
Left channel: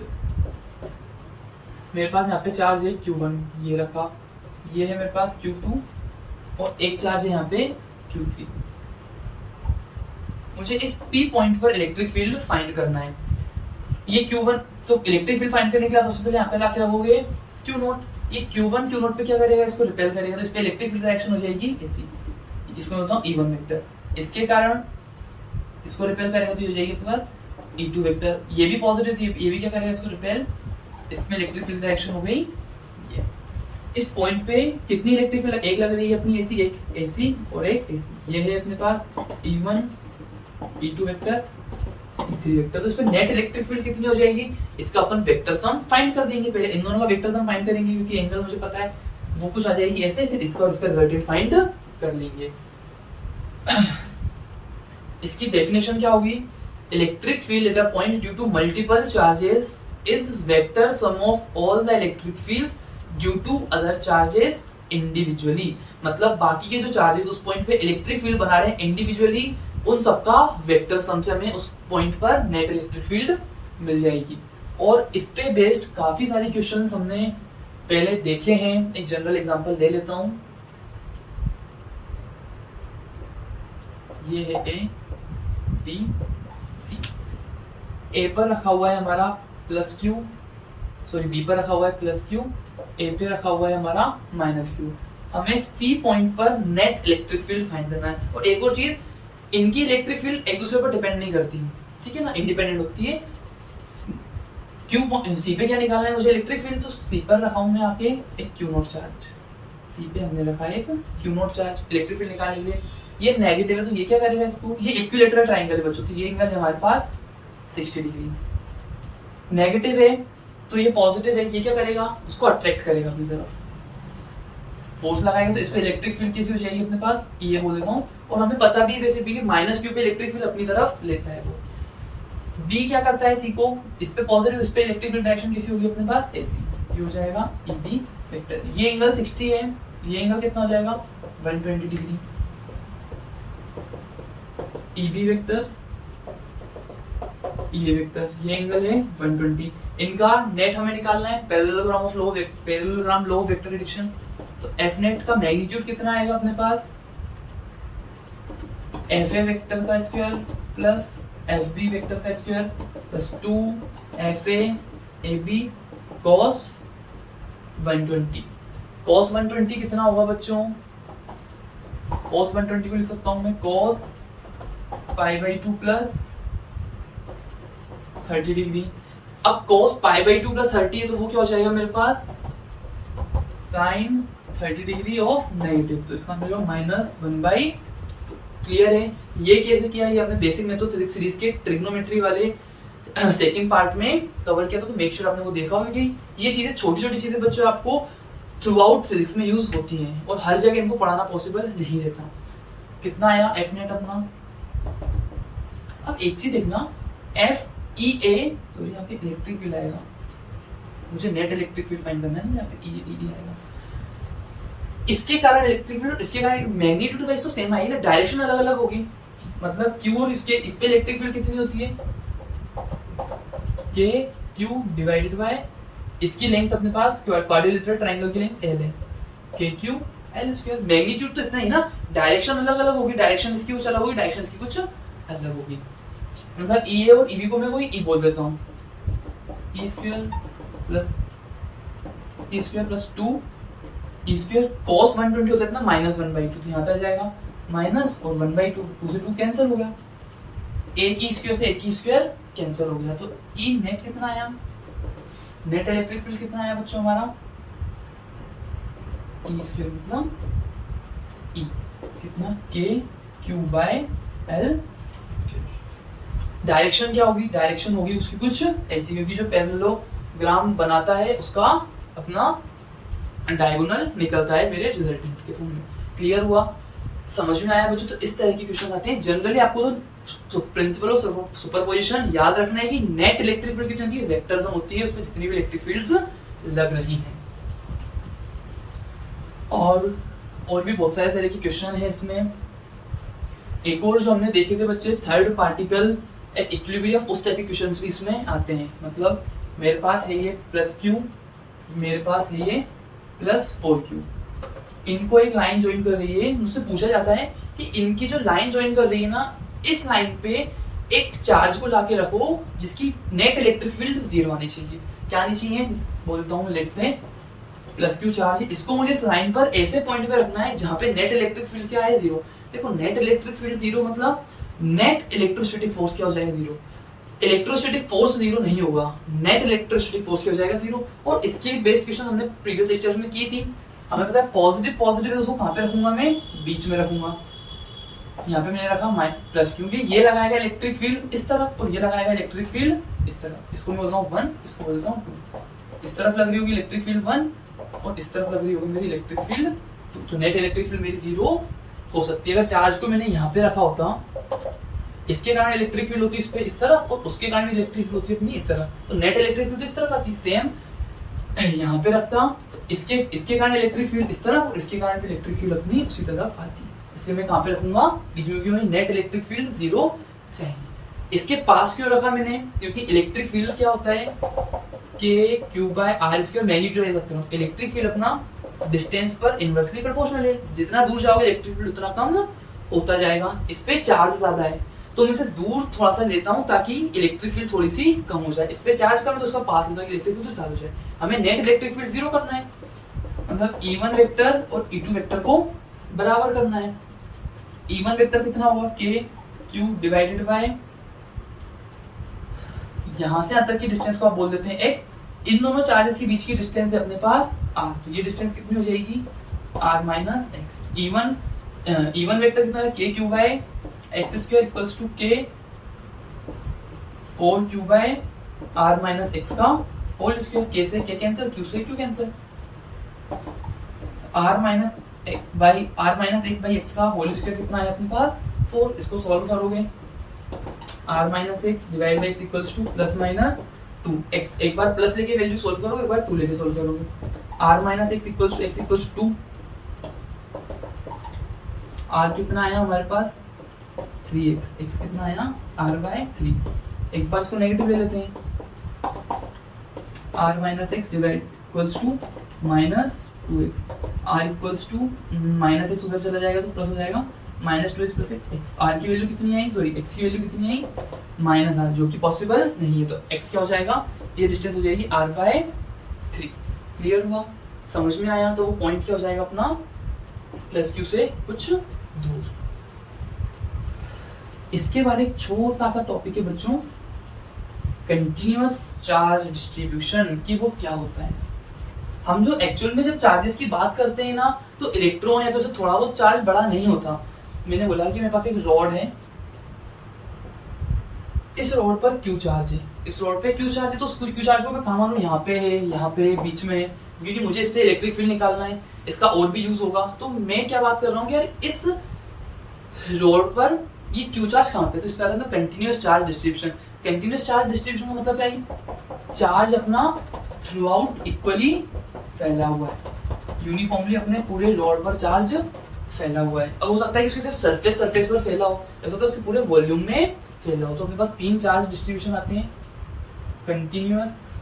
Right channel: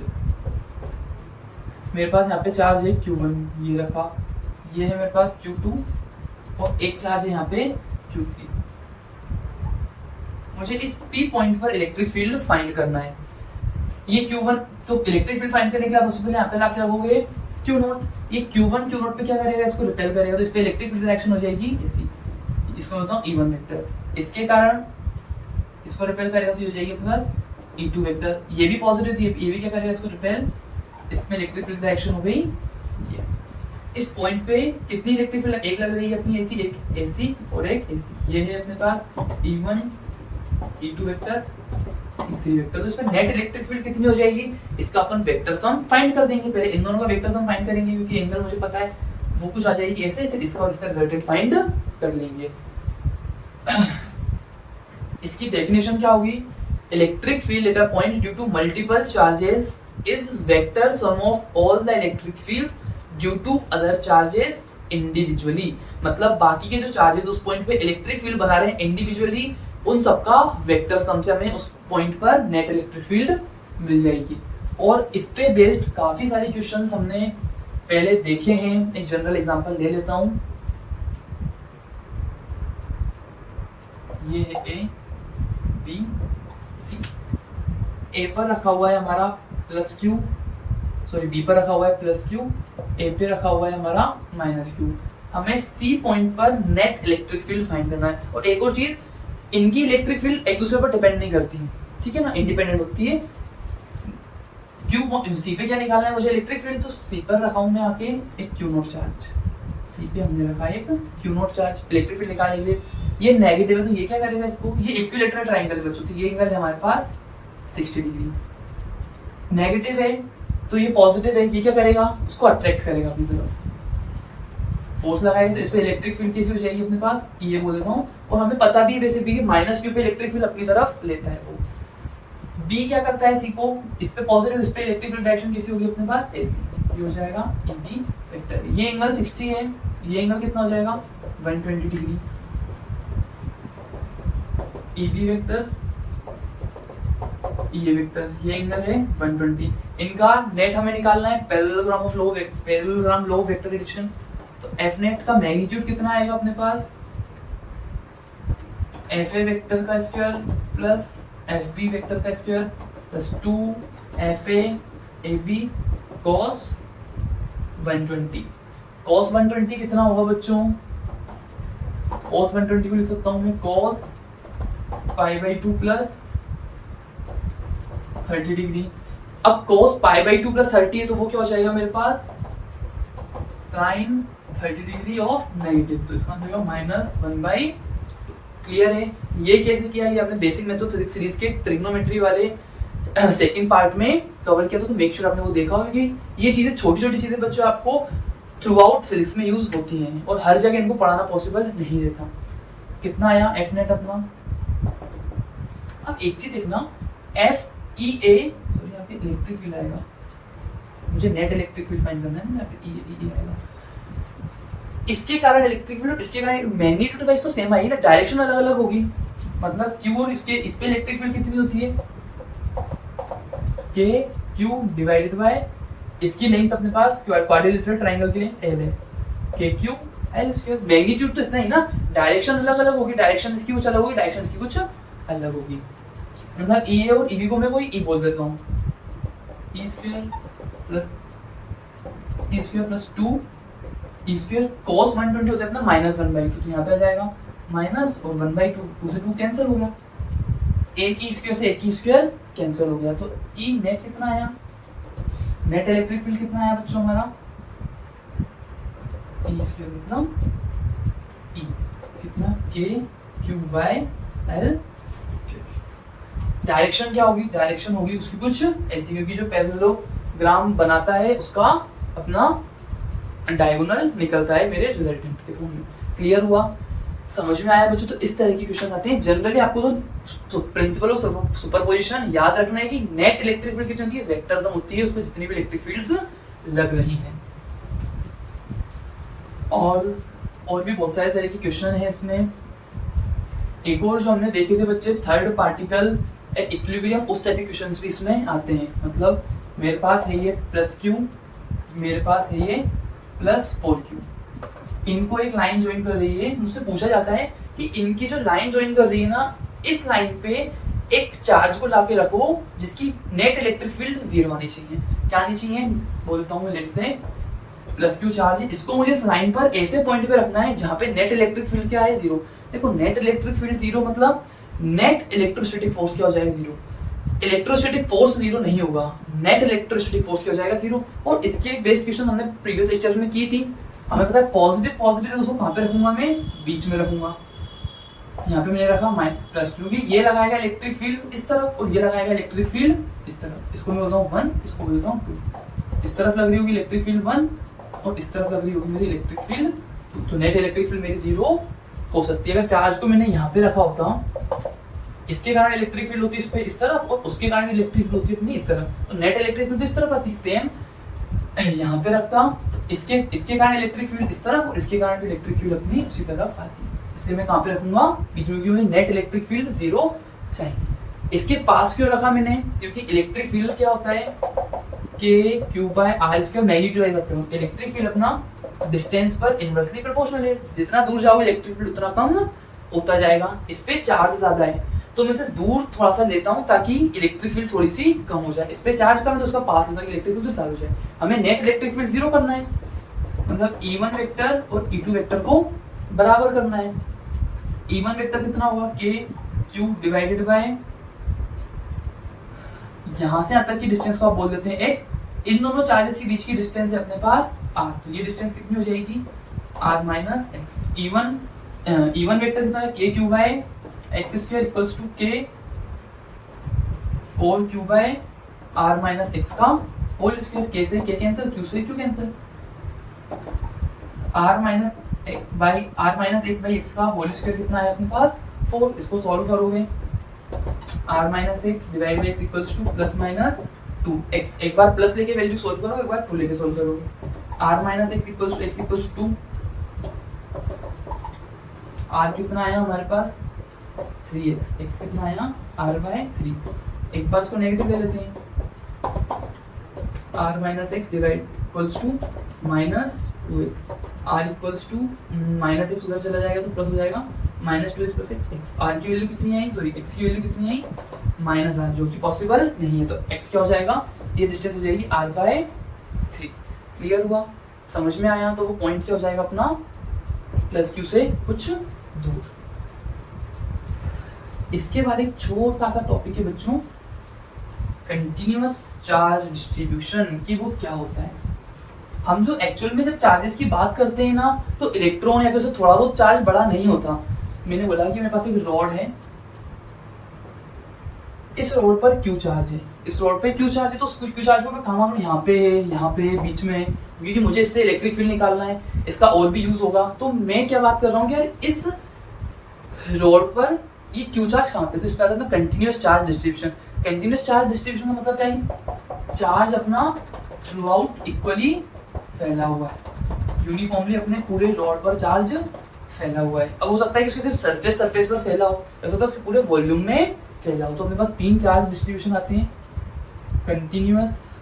मेरे पास यहाँ पे चार्ज है Q1, ये रखा, ये है मेरे पास Q2 और एक चार्ज है यहाँ पे Q3। मुझे इस P पॉइंट पर इलेक्ट्रिक फील्ड फाइंड करना है। ये Q1, तो इलेक्ट्रिक फील्ड फाइंड करने के लिए आप सबसे पहले यहाँ पे लाके रखोगे Q0। ये Q1 Q0 पे क्या करेगा, इसको रिपेल करेगा, तो इस पे इलेक्ट्रिक फील्ड रिएक्शन हो जाएगी ऐसी, इसको मैं बताऊँ E1 वेक्टर। इसके कारण इसको रिपेल करेगा तो हो जाएगी अपने पास E2 वेक्टर। ये भी पॉजिटिव, तो ये भी क्या करेगा, इसको रिपेल, इसमें इलेक्ट्रिक फील्ड रिएक्शन हो गई। ये इस पॉइंट पे कितनी इलेक्ट्रिक फील्ड, एक लग रही है अपनी ऐसी, एक ऐसी और एक ऐसी। ये है अपने पास E1 E2 vector E3 vector. तो इस पे नेट इलेक्ट्रिक फील्ड कितनी हो जाएगी, इसका अपन वेक्टर सम फाइंड कर देंगे। पहले इन दोनों का वेक्टर सम फाइंड करेंगे क्योंकि एंगल मुझे पता है, वो कुछ आ जाएगी ऐसे, फिर इसका और इसका रिजल्टेंट फाइंड कर लेंगे। इसकी डेफिनेशन क्या होगी, electric field at a point due to multiple charges is vector sum of all the electric fields due to other charges individually. मतलब बाकी के जो चार्जेस उस पॉइंट पे इलेक्ट्रिक फील्ड बना रहे हैं इंडिविजुअली, उन सबका वेक्टर सम से हमें उस पॉइंट पर नेट इलेक्ट्रिक फील्ड मिल जाएगी। और इस पे बेस्ड काफी सारे क्वेश्चंस हमने पहले देखे हैं। एक जनरल एग्जांपल ले लेता हूं, ये है A B C। A पर रखा हुआ है हमारा प्लस Q, सॉरी B पर रखा हुआ है प्लस Q, A पे रखा हुआ है हमारा माइनस Q। हमें C पॉइंट पर नेट इलेक्ट्रिक फील्ड फाइंड करना है। और एक और चीज, इनकी इलेक्ट्रिक फील्ड एक दूसरे पर डिपेंड नहीं करती, ठीक है ना, इंडिपेंडेंट होती है। C पे क्या निकालना है मुझे इलेक्ट्रिक फील्ड, तो C पर रखा हूं मैं आके एक Q0 चार्ज। C पे हमने रखा है एक Q0 चार्ज इलेक्ट्रिक फील्ड निकालने के लिए। ये नेगेटिव है तो ये क्या करेगा इसको, ये इक्विलैटरल ट्रायंगल है बच्चों, तो ये एंगल है हमारे पास 60 डिग्री। नेगेटिव है तो ये पॉजिटिव है, ये क्या करेगा, इसको अट्रैक्ट करेगा अपनी तरफ, फोर्स लगाएगा, तो इस पे इलेक्ट्रिक फील्ड कैसी हो जाएगी अपने पास, ये बोल देता हूँ। और हमें पता भी वैसे भी कि माइनस Q पे इलेक्ट्रिक फील्ड अपनी तरफ लेता है वो। B क्या करता है C को, इस पे पॉजिटिव, इस पे इलेक्ट्रिक फील्ड डायरेक्शन कैसी होगी अपने पास ऐसी, ये हो जाएगा EB वेक्टर। ये एंगल 60 है, ये एंगल कितना हो जाएगा 120 डिग्री। EB वेक्टर ये वेक्टर, ये एंगल है 120। इनका नेट हमें निकालना है, parallelogram law of vector addition. तो F नेट का मैग्नीट्यूड कितना आएगा अपने पास, FA वेक्टर का स्क्वायर प्लस FB वेक्टर का square plus 2FA AB cos 120। cos 120 कितना होगा बच्चों, cos 120 को लिख सकता हूं मैं cos π/2 प्लस 30 डिग्री। अब cos π/2 प्लस 30 तो वो क्या हो जाएगा मेरे पास sin 30 डिग्री ऑफ नेगेटिव, तो इसका मतलब -1/2। क्लियर है। ये कैसे किया, ये आपने बेसिक मेथड फिजिक्स सीरीज के ट्रिग्नोमेट्री वाले सेकंड पार्ट में कवर किया था, तो मेक श्योर आपने वो देखा होगा। ये चीजें छोटी छोटी चीजें बच्चों आपको थ्रू आउट फिजिक्स में यूज होती हैं और हर जगह इनको पढ़ाना पॉसिबल नहीं रहता। कितना आया F नेट अपना। अब एक चीज देखना, FEA, तो यहाँ पे इलेक्ट्रिक फील्ड आएगा, मुझे नेट इलेक्ट्रिक फील्ड फाइंड करना है, यहाँ पे E आएगा। इसके कारण इलेक्ट्रिक फील्ड, इसके कारण मैग्नीट्यूड वाइज तो सेम आएगी ना, डायरेक्शन अलग अलग होगी। मतलब Q और इसके, इस पे इलेक्ट्रिक फील्ड कितनी होती है KQ डिवाइडेड बाय इसकी लेंथ अपने पास क्वाड्रिलेटरल ट्रायंगल की लेंथ L है, KQ L स्क्वायर। मैग्नीट्यूड तो इतना ही ना, डायरेक्शन अलग अलग होगी, डायरेक्शन इसकी कुछ अलग होगी, डायरेक्शन इसकी कुछ अलग होगी। मतलब E और EB को मैं कोई E बोल देता हूँ, E square plus E square plus 2 E square. cos 120 होता है ना -1/2, तो यहाँ पे आ जाएगा माइनस और 1/2, 2 से 2 कैंसिल हो गया, एक E स्क्वायर से एक E स्क्वायर कैंसिल हो गया। तो E नेट कितना आया, नेट इलेक्ट्रिक फील्ड कितना आया बच्चों हमारा, E स्क्वायर मतलब ई, कितना के क्यू बाय एल। डायरेक्शन क्या होगी, डायरेक्शन होगी उसकी कुछ ऐसी, क्योंकि जो पैरेललोग्राम बनाता है उसका अपना डायगोनल निकलता है मेरे रिजल्टेंट के फॉर्म में। क्लियर हुआ, समझ में आया बच्चों? तो इस तरह के क्वेश्चन आते हैं जनरली। आपको तो प्रिंसिपल ऑफ सुपरपोजिशन याद रखना है कि नेट इलेक्ट्रिक फील्ड कितनी होती है, वेक्टर सम होती है उसको जितनी भी इलेक्ट्रिक फील्ड्स लग रही हैं। और भी बहुत सारे तरह के क्वेश्चन हैं इसमें। एक और जो हमने देखे थे बच्चे, थर्ड पार्टिकल इक्विलिब्रियम, उस टाइप के क्वेश्चंस भी इसमें आते हैं। मतलब मेरे पास है ये प्लस क्यू, मेरे पास है ये प्लस 4q, इनको एक लाइन ज्वाइन कर रही है। मुझसे पूछा जाता है कि इनकी जो लाइन ज्वाइन कर रही है ना, इस लाइन पे एक चार्ज को लाके रखो जिसकी नेट इलेक्ट्रिक फील्ड 0 आनी चाहिए। क्या आनी चाहिए, बोलता हूँ let's say plus Q charge है, इसको मुझे इस लाइन पर ऐसे पॉइंट पे रखना है जहां पे नेट इलेक्ट्रिक फील्ड क्या है, 0। देखो नेट इलेक्ट्रिक फील्ड 0 मतलब नेट इलेक्ट्रोस्टैटिक फोर्स क्या हो जाएगा, 0। इलेक्ट्रोस्टैटिक फोर्स 0 नहीं होगा, नेट इलेक्ट्रोस्टैटिक फोर्स क्या हो जाएगा, 0। और इसके बेस क्वेश्चन हमने प्रीवियस लेक्चर में की थी। हमें पता है पॉजिटिव पॉजिटिव दोस्तों कहाँ पे रखूंगा, मैं बीच में रखूंगा। यहाँ पे मैंने रखा प्लस, क्योंकि ये लगाएगा इलेक्ट्रिक फील्ड इस तरफ और ये लगाएगा इलेक्ट्रिक फील्ड इस तरफ। इसको मैं बोलता हूँ 1, इसको बोलता हूँ 2। इस तरफ लग रही होगी इलेक्ट्रिक फील्ड 1 और इस तरफ लग रही होगी मेरी इलेक्ट्रिक फील्ड 2। तो नेट इलेक्ट्रिक फील्ड मेरी 0 हो सकती है। अगर चार्ज को मैंने यहाँ पे रखा होता, इसके कारण इलेक्ट्रिक फील्ड होती है इस पे इस तरफ, और उसके कारण इलेक्ट्रिक फील्ड होती है अपनी इस तरफ। तो नेट इलेक्ट्रिक फील्ड तो इस तरफ आती, सेम यहाँ पे रखता, इसके कारण इलेक्ट्रिक फील्ड इस तरफ और इसके कारण इलेक्ट्रिक फील्ड अपनी उसी तरफ आती है। इसलिए मैं कहाँ पे रखूंगा, बीच में, क्योंकि नेट इलेक्ट्रिक फील्ड 0 चाहिए। इसके पास क्यों रखा मैंने, क्योंकि इलेक्ट्रिक फील्ड क्या होता है कि क्यू बाय आर, इसका मैग्नीट्यूड करता हूँ। इलेक्ट्रिक फील्ड अपना डिस्टेंस पर इनवर्सली प्रोपोर्शनल है, जितना दूर जाओगे इलेक्ट्रिक फील्ड उतना कम होता जाएगा। इस पे चार्ज ज्यादा है तो मैं इसे दूर थोड़ा सा लेता हूँ ताकि इलेक्ट्रिक फील्ड थोड़ी सी कम हो जाए। इस पे चार्ज कम है तो उसका पास लेता हूँ, इलेक्ट्रिक फील्ड ज्यादा हो जाए। हमें नेट इलेक्ट्रिक फील्ड 0 करना है, मतलब E1 वेक्टर और E2 वेक्टर को बराबर करना है। E1 वेक्टर कितना होगा, के क्यू डिवाइडेड बाय, यहां से यहां तक की डिस्टेंस को आप बोल देते हैं x। इन दोनों चार्जेस के बीच की डिस्टेंस है अपने पास r, तो ये डिस्टेंस कितनी हो जाएगी, r minus x. E1 vector कितना है, k q by x square equals to k 4q by r minus x का होल स्क्वायर। के से के कैंसिल, क्यू से q cancel, r minus x by x का whole square कितना है अपने पास 4। इसको सॉल्व करोगे, r minus x divide by x equals to plus minus 2x। एक बार प्लस लेके वैल्यू सोल्व करोगे, एक बार 2 लेके सोल्व करोगे। r minus x equals to x equals 2, r कितना आया हमारे पास 3x, x कितना आया r बाय 3। एक बार इसको नेगेटिव ले लेते हैं, r minus x divide equals to minus 2x, r equals to minus x उधर चला जाएगा तो प्लस हो जाएगा minus 2x plus x. r की वैल्यू कितनी आई, सॉरी x की वैल्यू कितनी आई माइनस r, जो कि पॉसिबल नहीं है। तो x क्या हो जाएगा, ये डिस्टेंस हो जाएगी r बाय 3। क्लियर हुआ, समझ में आया? तो वो पॉइंट क्या हो जाएगा अपना प्लस क्यू से कुछ दूर। इसके बाद एक छोटा सा टॉपिक है बच्चों, कंटिन्यूअस चार्ज डिस्ट्रीब्यूशन, कि वो क्या होता है। हम जो एक्चुअल में जब चार्जेस की बात करते हैं ना, तो इलेक्ट्रॉन या फिर से थोड़ा बहुत चार्ज बड़ा नहीं होता। मैंने बोला कि मेरे पास एक रॉड है, इस रॉड पर क्यू चार्ज है, इस रॉड पे क्यू चार्ज है, तो क्यू चार्ज को मैं कहाँ मानूं, यहाँ पे है, यहाँ पे बीच में, क्योंकि मुझे इससे इलेक्ट्रिक फील्ड निकालना है, इसका और भी यूज होगा। तो मैं क्या बात कर रहा हूँ कि यार इस रॉड पर ये क्यू चार्ज कहाँ पे, तो इसका मतलब continuous charge distribution. Continuous charge distribution का मतलब क्या है, चार्ज अपना थ्रू आउट इक्वली फैला हुआ है, यूनिफॉर्मली अपने पूरे रॉड पर चार्ज फैला हुआ है। अब हो सकता है कि उसके सिर्फ सरफेस पर फैला हो, ऐसा होता है उसके पूरे वॉल्यूम में फैला हो। तो अपने पास 3 चार्ज डिस्ट्रीब्यूशन आते हैं, कंटिन्यूअस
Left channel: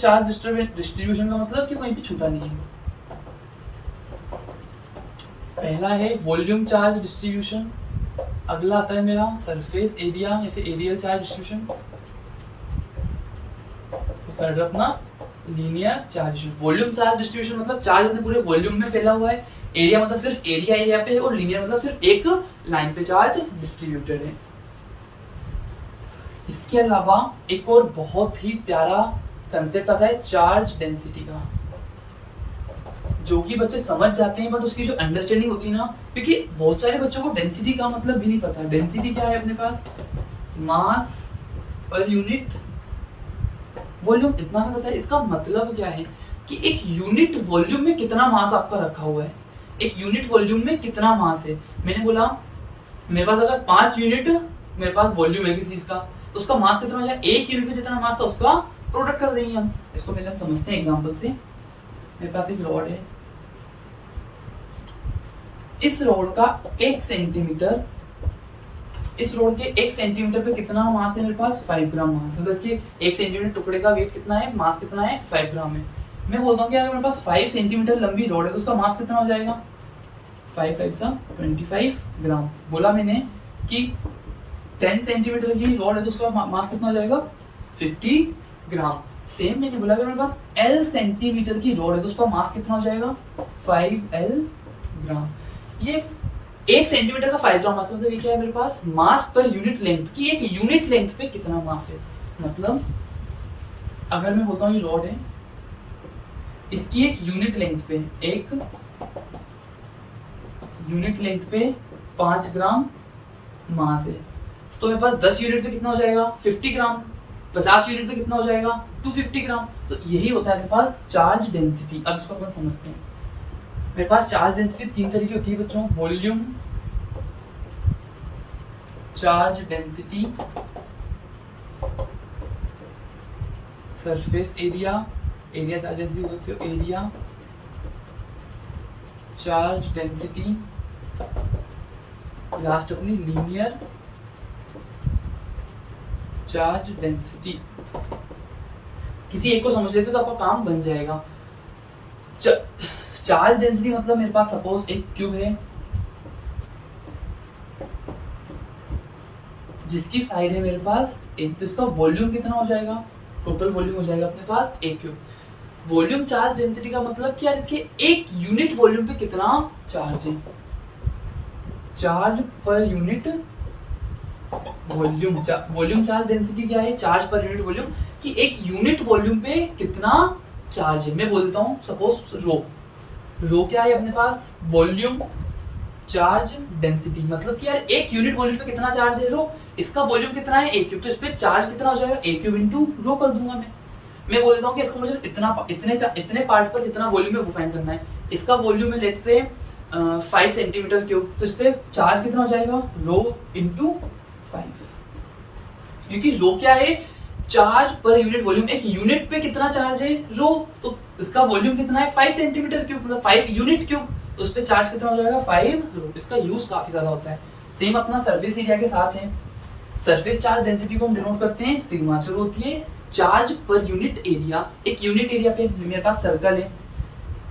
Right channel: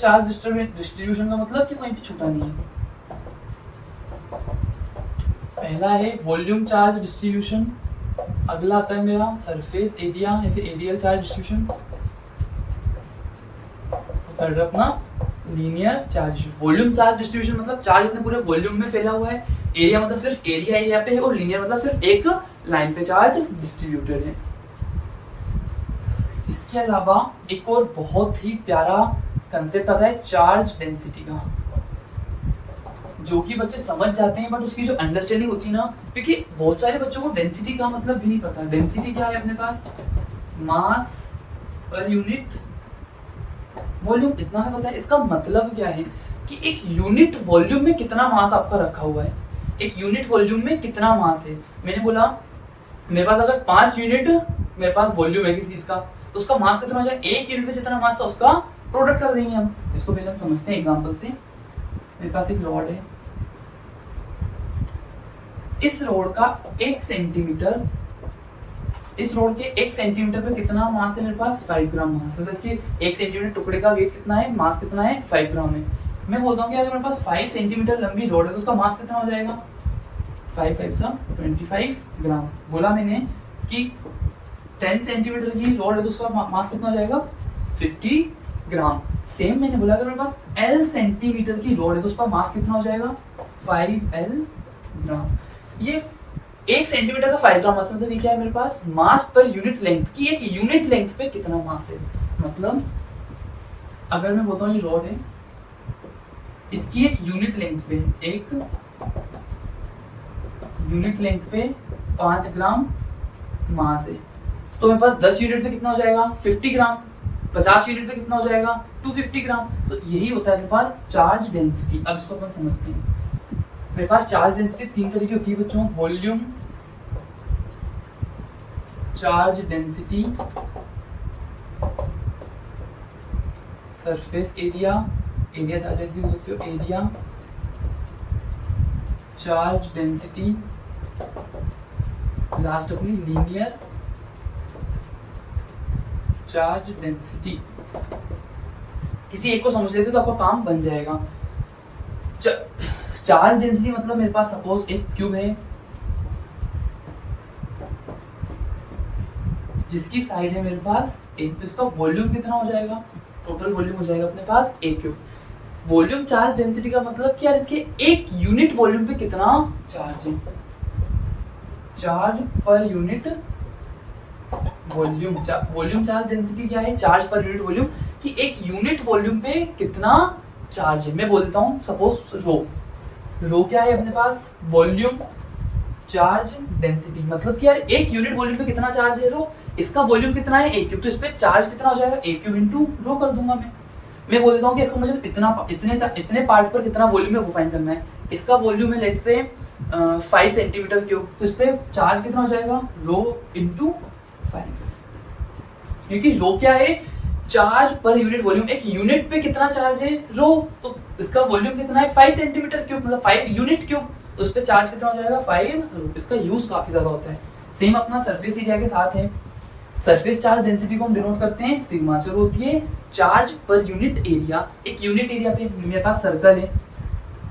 चार्ज डिस्ट्रीब्यूशन का मतलब कि कहीं भी छूटा नहीं है। पहला है वॉल्यूम चार्ज डिस्ट्रीब्यूशन, अगला आता है मेरा सरफेस एरिया या फिर एरियल चार्ज डिस्ट्रीब्यूशन, थर्ड अपना linear charge. Volume charge distribution मतलब चार्ज अपने पूरे वॉल्यूम में फैला हुआ है, एरिया मतलब सिर्फ एरिया पे है, और लीनियर मतलब सिर्फ एक लाइन पे चार्ज डिस्ट्रीब्यूटेड है। इसके अलावा एक और बहुत ही प्यारा कंसेप्ट आता है चार्ज डेंसिटी का। जो कि बच्चे समझ जाते हैं, बट उसकी जो अंडरस्टैंडिंग होती है ना, क्योंकि बहुत सारे बच्चों को डेंसिटी का मतलब भी नहीं पता। डेंसिटी क्या है अपने पास? मास पर यूनिट वॉल्यूम, इतना हमें पता है। इसका मतलब क्या है कि एक यूनिट वॉल्यूम में कितना मास आपका रखा हुआ है, एक यूनिट वॉल्यूम में कितना मास है। मैंने बोला मेरे पास अगर 5 यूनिट मेरे पास वॉल्यूम है किसी चीज का, तो उसका मास कितना हो जाए? एक यूनिट में जितना मास था उसका प्रोडक्ट कर देंगे हम। इसको पहले हम समझते हैं एग्जांपल से। मेरे पास एक रॉड है, इस रॉड का 1 सेंटीमीटर, इस रॉड के 1 सेंटीमीटर पे कितना मास है मेरे पास? 5 ग्राम मास है। तो इसके 1 सेंटीमीटर टुकड़े का वेट कितना है, मास कितना है? 5 ग्राम है। मैं बोलता हूँ कि अगर मेरे पास 5 सेंटीमीटर लंबी रॉड है तो उसका मास कितना हो जाएगा? 5 5 25 ग्राम। बोला मैंने कि 10 सेंटीमीटर की रॉड है तो उसका मास कितना हो जाएगा? 50 ग्राम। सेम मैंने बोला अगर मेरे पास L सेंटीमीटर की रॉड है तो उसका मास कितना हो जाएगा? 5L ग्राम। ये 1 सेंटीमीटर का 5 ग्राम मास, मतलब ये क्या है मेरे पास? मास पर यूनिट लेंथ की एक यूनिट लेंथ पे कितना मास है। मतलब अगर मैं बोलता हूँ ये रॉड है, इसकी एक यूनिट लेंथ पे, एक यूनिट लेंथ पे 5 ग्राम मास है, तो मेरे पास 10 यूनिट पे कितना हो जाएगा? 50 ग्राम। 50 यूनिट पे कितना हो जाएगा? 250 ग्राम। तो यही होता है मेरे पास चार्ज डेंसिटी। अब इसको अपन समझते हैं। मेरे पास चार्ज डेंसिटी 3 तरह की होती है बच्चों, volume charge density, surface area, area charge density होती है, एरिया चार्ज डेंसिटी, लास्ट अपनी लीनियर चार्ज डेंसिटी। किसी एक को समझ लेते तो आपका काम बन जाएगा। चार्ज डेंसिटी मतलब मेरे पास सपोज एक क्यूब है जिसकी साइड है मेरे पास एक, तो इसका वॉल्यूम कितना हो जाएगा? टोटल वॉल्यूम हो जाएगा अपने पास एक क्यूब। वॉल्यूम चार्ज डेंसिटी का मतलब क्या है? इसके एक यूनिट वॉल्यूम पे कितना चार्ज है, charge per unit volume. Volume charge density क्या है? चार्ज पर यूनिट वॉल्यूम, कि एक यूनिट वॉल्यूम पे कितना चार्ज है। मैं बोलता हूँ सपोज रो क्या है अपने पास? वॉल्यूम चार्ज डेंसिटी, मतलब कि यार एक यूनिट वॉल्यूम पे कितना चार्ज है रो, इसका वॉल्यूम कितना है? एक क्यूब, तो इस पे चार्ज कितना हो जाएगा? एक क्यूब इंटू रो कर दूंगा मैं बोल देता हूँ कि इसको मुझे इतने पार्ट पर कितना वॉल्यूम है वो फाइंड करना है। इसका वॉल्यूम है लेट से 5 सेंटीमीटर क्यूब, तो इस पे चार्ज कितना हो जाएगा? रो इंटू 5, क्योंकि रो क्या है? Charge per unit volume. एक यूनिट पे कितना चार्ज है रो, तो इसका वॉल्यूम कितना है? 5 सेंटीमीटर क्यूब, मतलब 5 यूनिट क्यूब, तो उस पे चार्ज कितना हो जाएगा? 5 रो। इसका यूज काफी ज्यादा होता है। सेम अपना सरफेस एरिया के साथ है। सरफेस चार्ज डेंसिटी को हम डिनोट करते हैं सिग्मा से, होती है चार्ज पर यूनिट एरिया। एक यूनिट एरिया पे मेरे पास सर्कल है,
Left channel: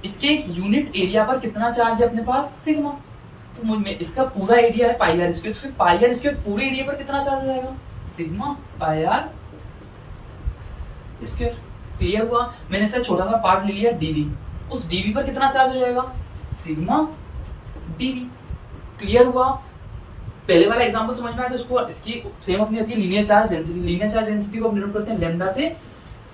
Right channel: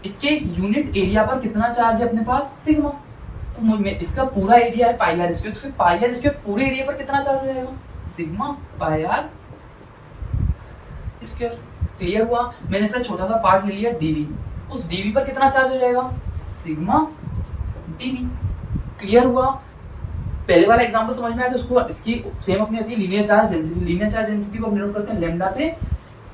इसके एक यूनिट एरिया पर कितना चार्ज है अपने पास? सिग्मा। तो इसका पूरा एरिया है pi R square, pi R square पूरे एरिया पर कितना चार्ज हो जाएगा? Sigma pi R square. Clear हुआ? मैंने इसका छोटा सा पार्ट ले लिया डीवी, उस डीवी पर कितना चार्ज हो जाएगा? Sigma DV. क्लियर हुआ? पहले वाला एग्जांपल समझ में आया तो उसको इसकी सेम अपनी आती है linear charge density. Linear charge density को हम डिनोट करते हैं लैम्डा से,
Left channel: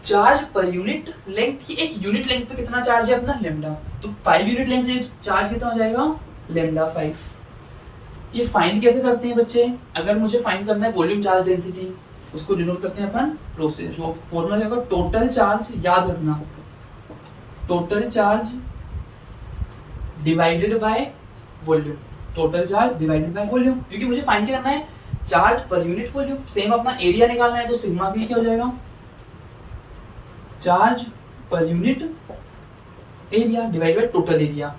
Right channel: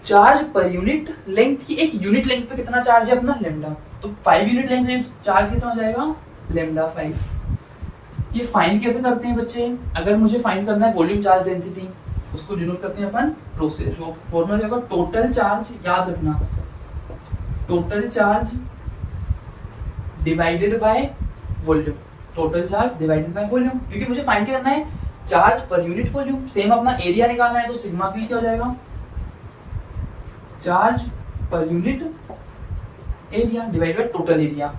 चार्ज पर यूनिट लेंथ की एक यूनिट लेंथ पे कितना चार्ज है अपना? लैम्डा। तो 5 यूनिट लेंथ है, चार्ज कितना हो जाएगा? लैम्डा 5। ये फाइंड कैसे करते हैं बच्चे? अगर मुझे फाइंड करना है वॉल्यूम चार्ज डेंसिटी, उसको डिनोट करते हैं अपन रो से। जो फॉर्मूला क्या होगा? टोटल चार्ज, याद रखना, total charge divided by volume. Total charge divided by volume, क्योंकि मुझे फाइंड क्या करना है? Charge per unit volume. Same अपना एरिया निकालना है, तो सिग्मा के लिए क्या हो जाएगा? Charge per unit area divided by total area.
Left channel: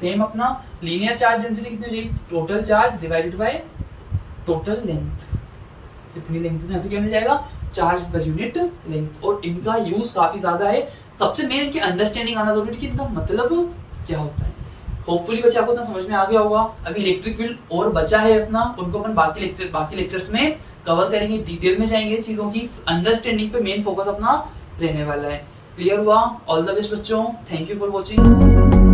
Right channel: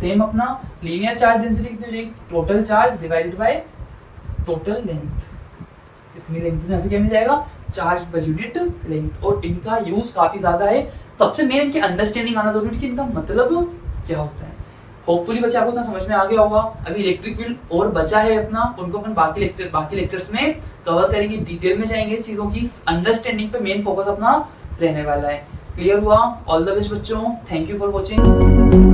Same अपना लीनियर चार्ज डेंसिटी कितनी हो जाएगी? Total charge divided by total length. कितनी लेंथ है, ऐसे क्या मिल जाएगा? Charge per unit length. और इनका यूज काफी ज्यादा है। सबसे मेन इनकी अंडरस्टैंडिंग आना जरूरी है कि इनका मतलब क्या होता है। होपफुली बच्चे आपको इतना समझ में आ गया होगा। अभी इलेक्ट्रिक फील्ड और बचा है अपना, उनको अपन बाकी लेक्चर्स में कवर करेंगे, डिटेल में जाएंगे चीजों की अंडरस्टैंडिंग पे। मेन फोकस अपना रहने वाला है। क्लियर हुआ? ऑल द बेस्ट बच्चों, थैंक यू फॉर वॉचिंग।